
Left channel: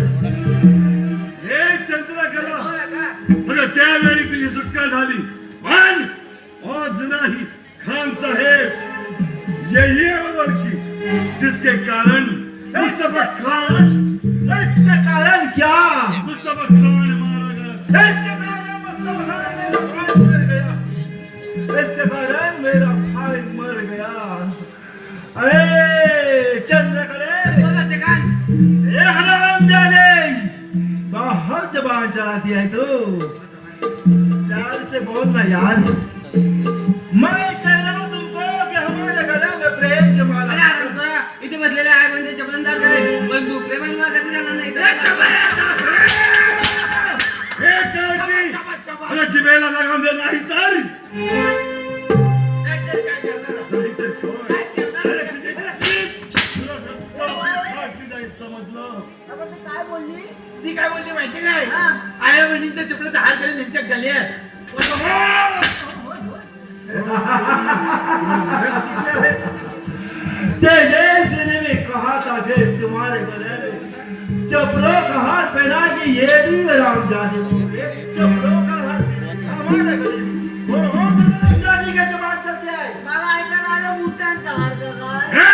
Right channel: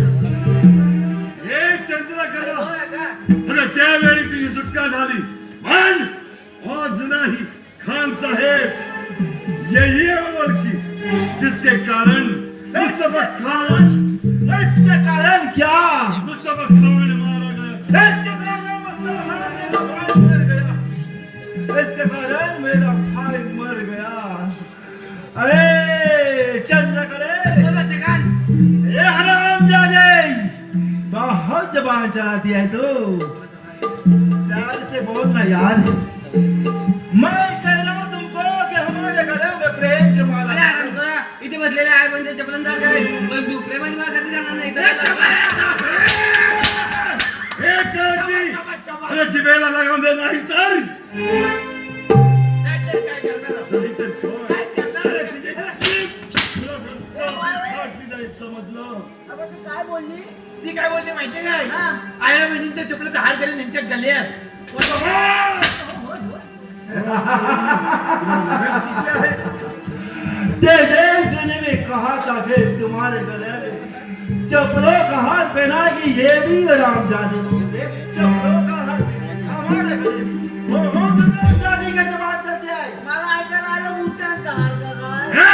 हे चंद्रकला बोल अक्का. अगं त्यावेळी तुझी सुटका झाली पण आज नाही. खान साहेब यही है वो लड़की जिसके कारण मुस्तफा खान इसके कारण क्या? मुस्तफा खान मारा गया. इसके कारण मेरा भाई मर गया. इसके कारण मेरा भाई मर गया. अरे चंद्रकले, बोल रजनीकांत. ये हरामजादे, बहुत जबान चलाती है तू. प्यार से बोलना यार. मैं कह रहा हूं तुमको कि हमारे गले में प्रेम की माला. अरे अरे तुला इथे बसलेले आहे म्हणजे चपलंदार करे पण तू प्रेमाची माळ कधी जाणार नाही हे करती अगं जिभेला लगाम दे नाही तर नाहीतर काय करणार? नाहीतर कोण? काय करणार? अरे तुझे नशीब. तुला फाटली जाईल समजलं. अगं तू काय बोलली ती काय बोलली माहिती काय? आया बहिणींच्या चपलाचा हार करेन त्यांच्या गल्यात. तेजस ने भी कहा था कि तुम्हारे गले में चप्पलों का हार पहना कि ये भी हरामजादी. चप्पलों का हार हमारे गले में. हो हरामजादी के जवाब चलते आए. मला ऐकायला आलं मुठांचा हार का काय? हे!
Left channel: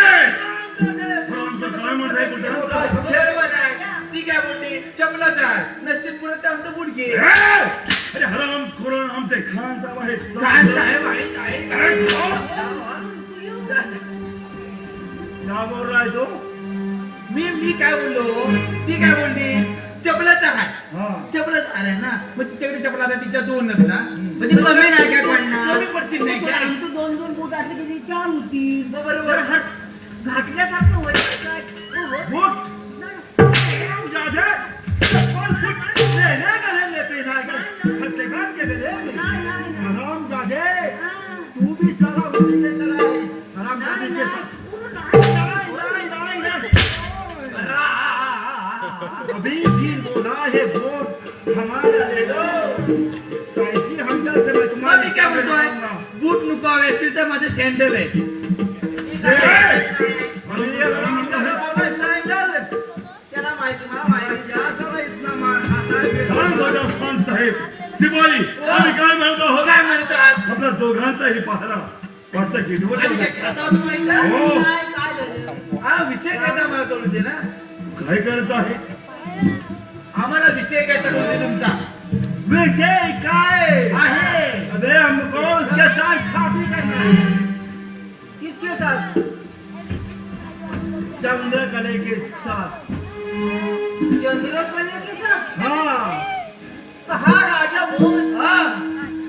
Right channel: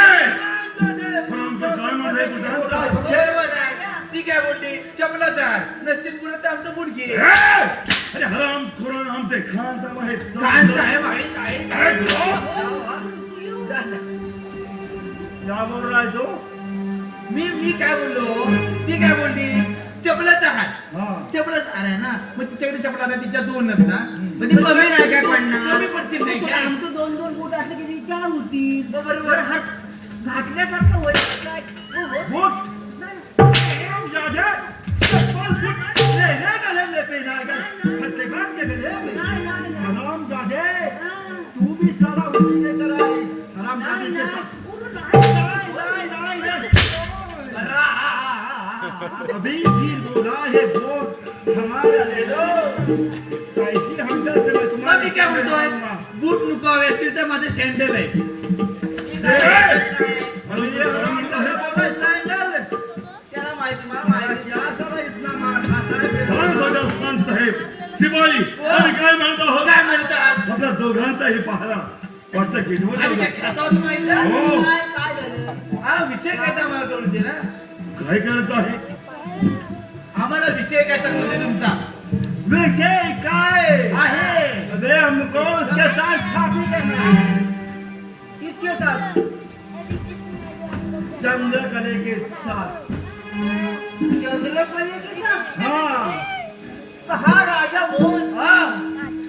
आमचं काय म्हणत आहे तुझ्या? बरोबर आहे. ती काय बोलली? चपलाचा हार. नसतील पुरत तर आमचं बुडके. हे! अरे हराम खोरण आमचे खान साहेब आहेत. काय साहेब आहे काय? अरे, जाओ. क्या बोल रहा है तू? मी काय बोललो? ती काय बोलली? चपलाचा हार. हाँ. चपलाचा हार आहे ना, मग तिच्याकडे चपला आता तिच्या दोनच ना, मग ती कमी नाही काय पडणार? कमी पडतील नाही पण काय? आमचं 2-2 फूट असले की ती 4 होती. मग बरोबर. जर हात घातल्यासारखं होईल काय? हो, हो. वोट. नाही, हरामजादे, चप्पल मेरे गले में पहनाएगा. हत्तेगार के गले में. नाही, नाही, नाही. हरामजादे, हा. तू भी साला उसी की तरह है. हरामजादी के साथ. अभी भी बोला है वोट हमारा ले लो. कैसी हमसे से मैं मग मी तुम्हारी काय म्हणतोय? बूट लुकावे असतील तर माझे सँडल आहे. अभी ये हरामजादे बोले सैंडल. त्याला माहिती, मला माहिती. क्या साला इतना मार खाता है मेरा? शांत हो जा खान साहेब. शिपाई आम्ही काय म्हणतो आहोत? काय म्हणतात? आपल्या दोघांचाही पहारा वाटतं की आम्ही काय निवडणूक खात आहोत माहिती आहे? हो. काय काय झालं? हा विषय काय तर मला कळू दे ना. काय करत आहे? आम्हाला विषय काय तर कळू दे तुमचा. विषय काय आहे. अबे हमको उसके साथ शादी करना है. किसके साथ? चंद्रकले के साथ. चंद्रकले के साथ? हाँ. कहा राजा मोहन? हा.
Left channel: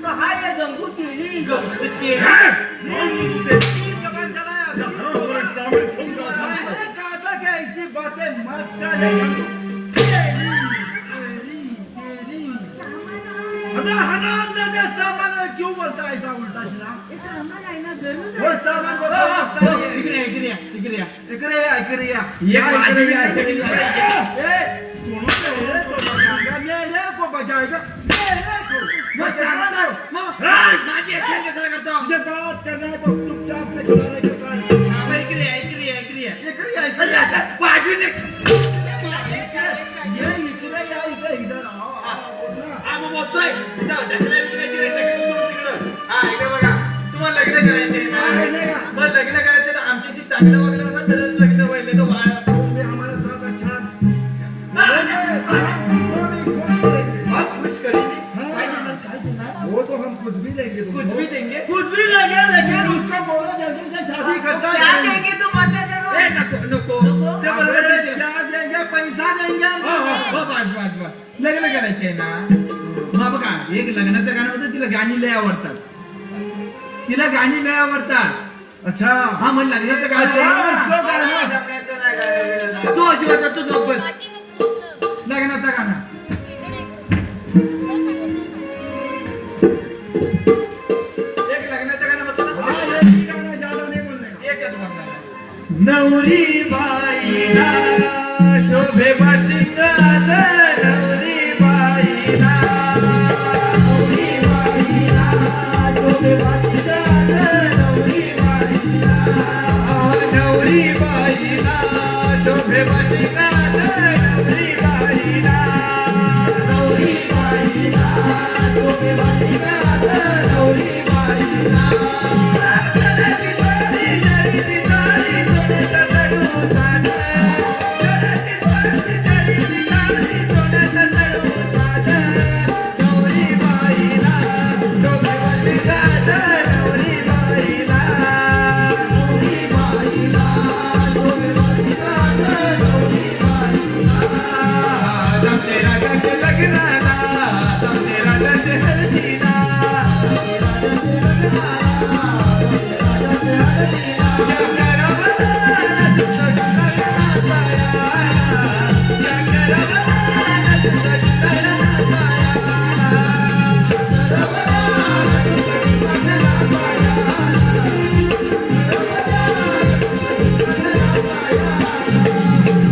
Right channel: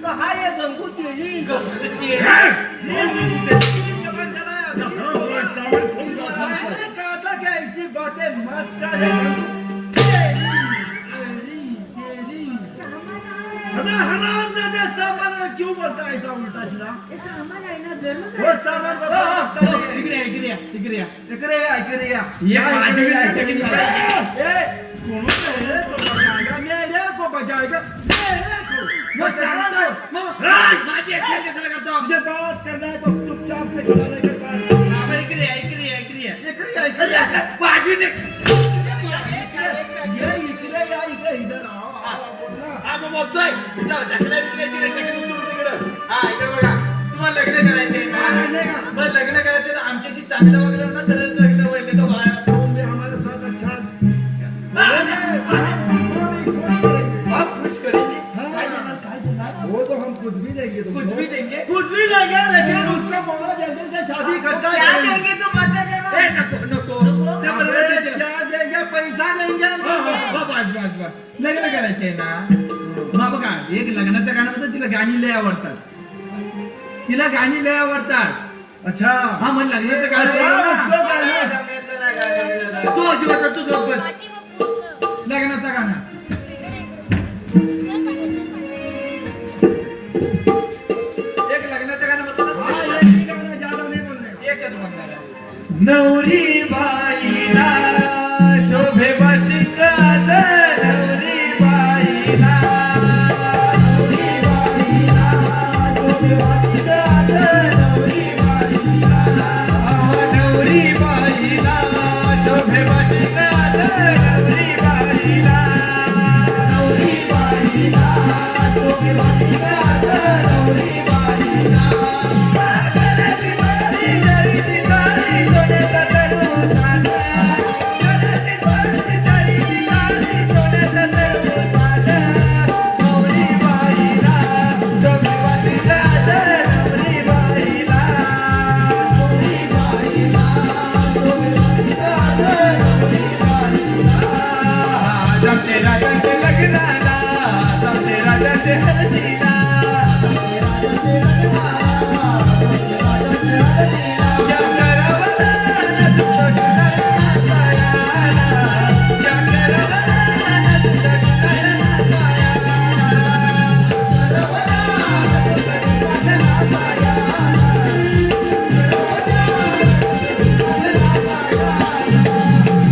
कहा ये गंगू तेली? गणपती. हे! जबान चलाया. या हरामखोराच्या चावडीत फसून जा, खान साहेब. मैंने कहा था कि ऐसी बातें मत कर. अबे हरामजादे, सामान क्यों बोलता है ऐसा उल्टा सीधा? हे सामान आहे ना, गरज वो आहे. सामान को हो, हो, हो, इकडे या, इकडे या, इकडे या. इकडे या, इकडे या. ये या, माझी इकडे या, आहे, इकडे या. इकडे या. दोनों मेरे को बचाएगा, मेरे को बचाएगा, मेरे को. वो सामान है. माझी action कशाला करतो? मुझे बात करना है तो चुपचाप से खड़ा रह के बात. हा, बरं, इकडे या, इकडे या, इकडे या. इकडे या, इकडे या. बाजूने. ये इकडे या, इकडे इधर आओ. हा, मग बोलतोय. जाऊ, ढकला, इकडे, इकडे, ढकला, उचलून तिकडं. हा, इकडे बघा. तुम्हाला लग्न करायचंय ना? लग्न का? मग लग्न करायचं तर आमच्याशी चांगलं वागलं ना, तरच लग्न व्हायला तो बाळ. तुम भी हमारे साथ अच्छा आप खुश करेंगे. काय देणार, काय देणार? वो तो हम कुछ भी देंगे तुमको. कुछ भी देंगे. कुछ भी देंगे, लेकिन उसको बोलो जल्दी से शादी करता क्या है. देंगे तुम आता जरा? ए, नको, नको. ते अबे, बरोबर देते. क्या देंगे? पैसा देंगे. हो, हो, हो, बस, बस, बस. लग्न करायचंय ना, मग बघा एक लग्नाचं गाणं होतं, तिला गाणी लय आवडतात. तिला गाणी लय आवडतात. अच्छा. हा, मग लग्नाचं गाणं अच्छा, आहे उसको ना. गाना. तू अजिबात तू गप्प बस. लग्नाचं गाणं. एक लग्नाचं गाणं होतं ना, हाँ, ये भी गाना ज्यादा नहीं बोलने का. एकच म्हणणार. नवरी बाईला शोभे बाशिंग आज नवरी बाईला राजाचे हलतीला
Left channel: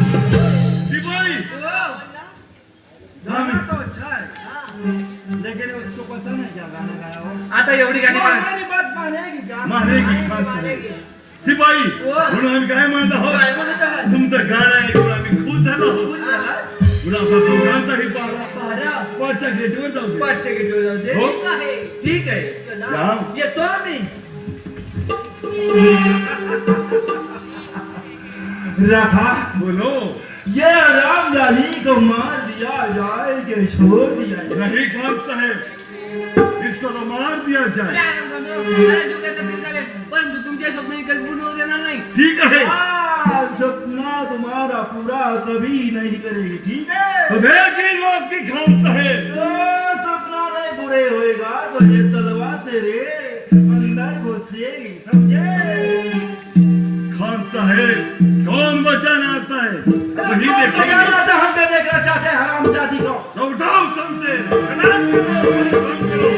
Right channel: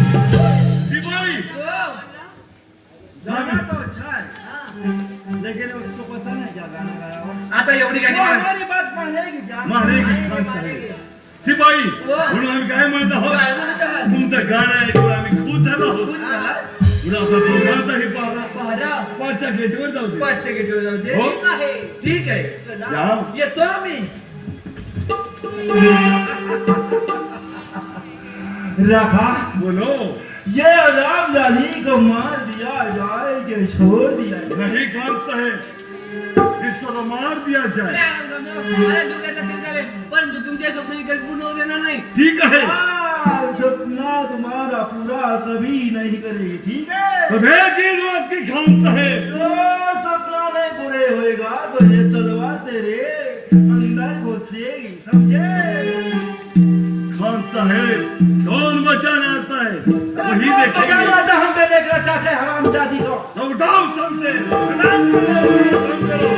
शिपाई गाना तो अच्छा है लेकिन उसको पसंद है क्या गाना गाया हो आता एवढी गाणी वो गा. हमारी बात मानेगी क्या मानेगी खान साहेब शिपाई म्हणून आम्ही काय म्हणत काय आहोत म्हणत आहात? तुमचं गाणं ऐकून आम्ही खुश झालो आहोत म्हणून आपल्या दोघांचाही पारा पाहरा पाचच्या गेटवर जाऊ दे पाठच्या गेटवर जाऊ दे हो? ठीक आहे ठीक आहे या. येतो आम्ही रखा बोलो ये आराम जानी को मार दिया जाए कि छोड़ दिया जाए नहीं खान साहेब इसको तो मार दिया जाए परंतु तुमच्या स्वप्न कधी पूर्ण होऊ देणार नाही. ठीक है सपना तुम्हारा पूरा कभी नहीं करेगी ठीक है तो देख इस बात की खान साहेब तो सपना नहीं पूरे होएगा तो ये तलवार तेरे अंदर घुसेगी समझे खान साहेब कौन बचाना आता है वही देखेंगे हम पे देखना चाहते हैं हराम जाति को लौटाओ सबसे खत्म करो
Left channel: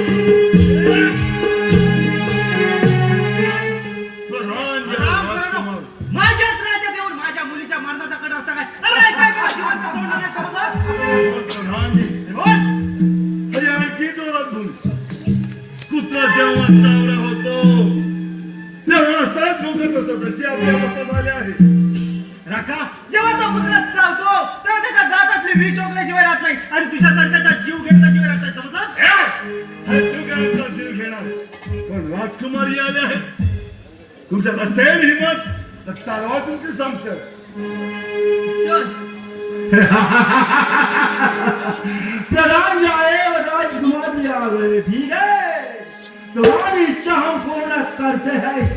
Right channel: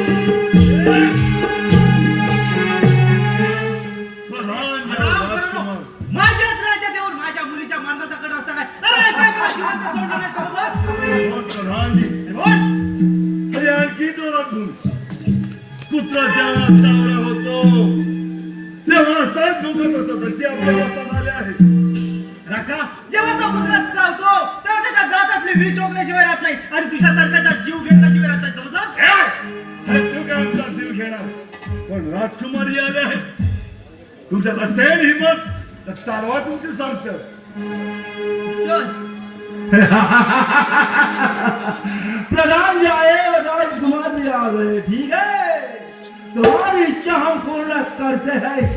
प्रधान या राजकुमार माझ्याच राज्यात येऊन माझ्या मुलीच्या मारणाचा कट असता काय अरे काय काय जिवंत सोडणार नाही समजलं? प्रधान जी बोल. अरे आणखी जोरात बोल कुत्रा जेव्हा चांगला होतो तेव्हा साहेब भुंकत असतो तशी आपल्या अवस्था झाली आहे राखा जेव्हा तो कुत्र्यात चावतो तेव्हा त्याच्या दातातली विष ओकल्याशिवाय राहत नाही आणि तुझ्यासारख्याचा जीव घेतल्याशिवाय राहत नाही समजलं अरे तू काय आमचा जीव घेणार पण राजकुमारी आले आहे तुमच्यात असेल हिंमत तर चालवा तुमची संशय प्रधान जी आए और राजकुमार भी आ गए ठीक है तुम्हारी इच्छा हम पूर्ण करते हैं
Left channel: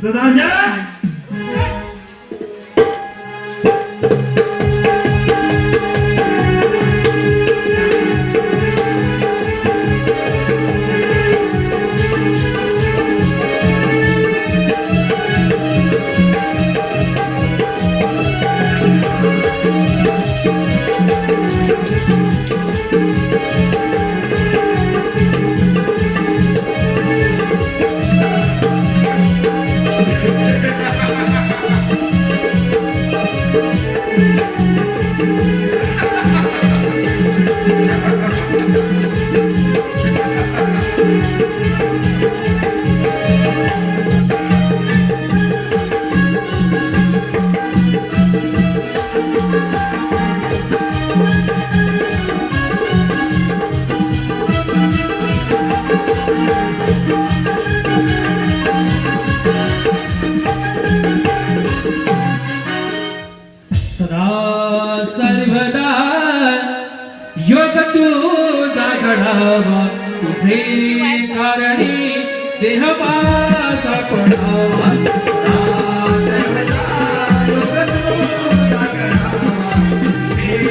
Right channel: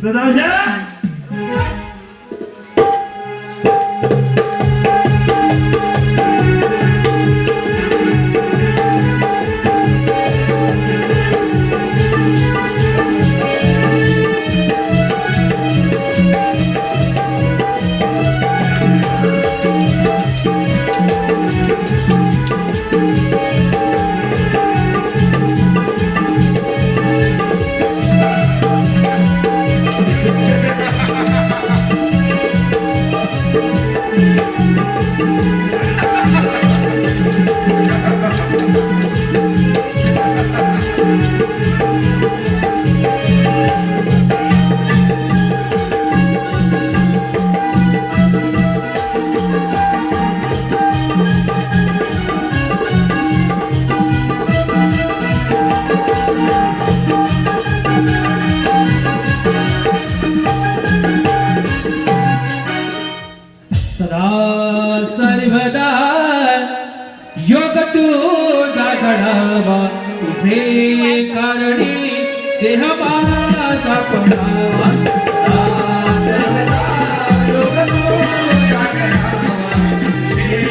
प्रधान जी सदा सर्वदा योग तुझा घडावा तुझे कारणी देह माझा पडावा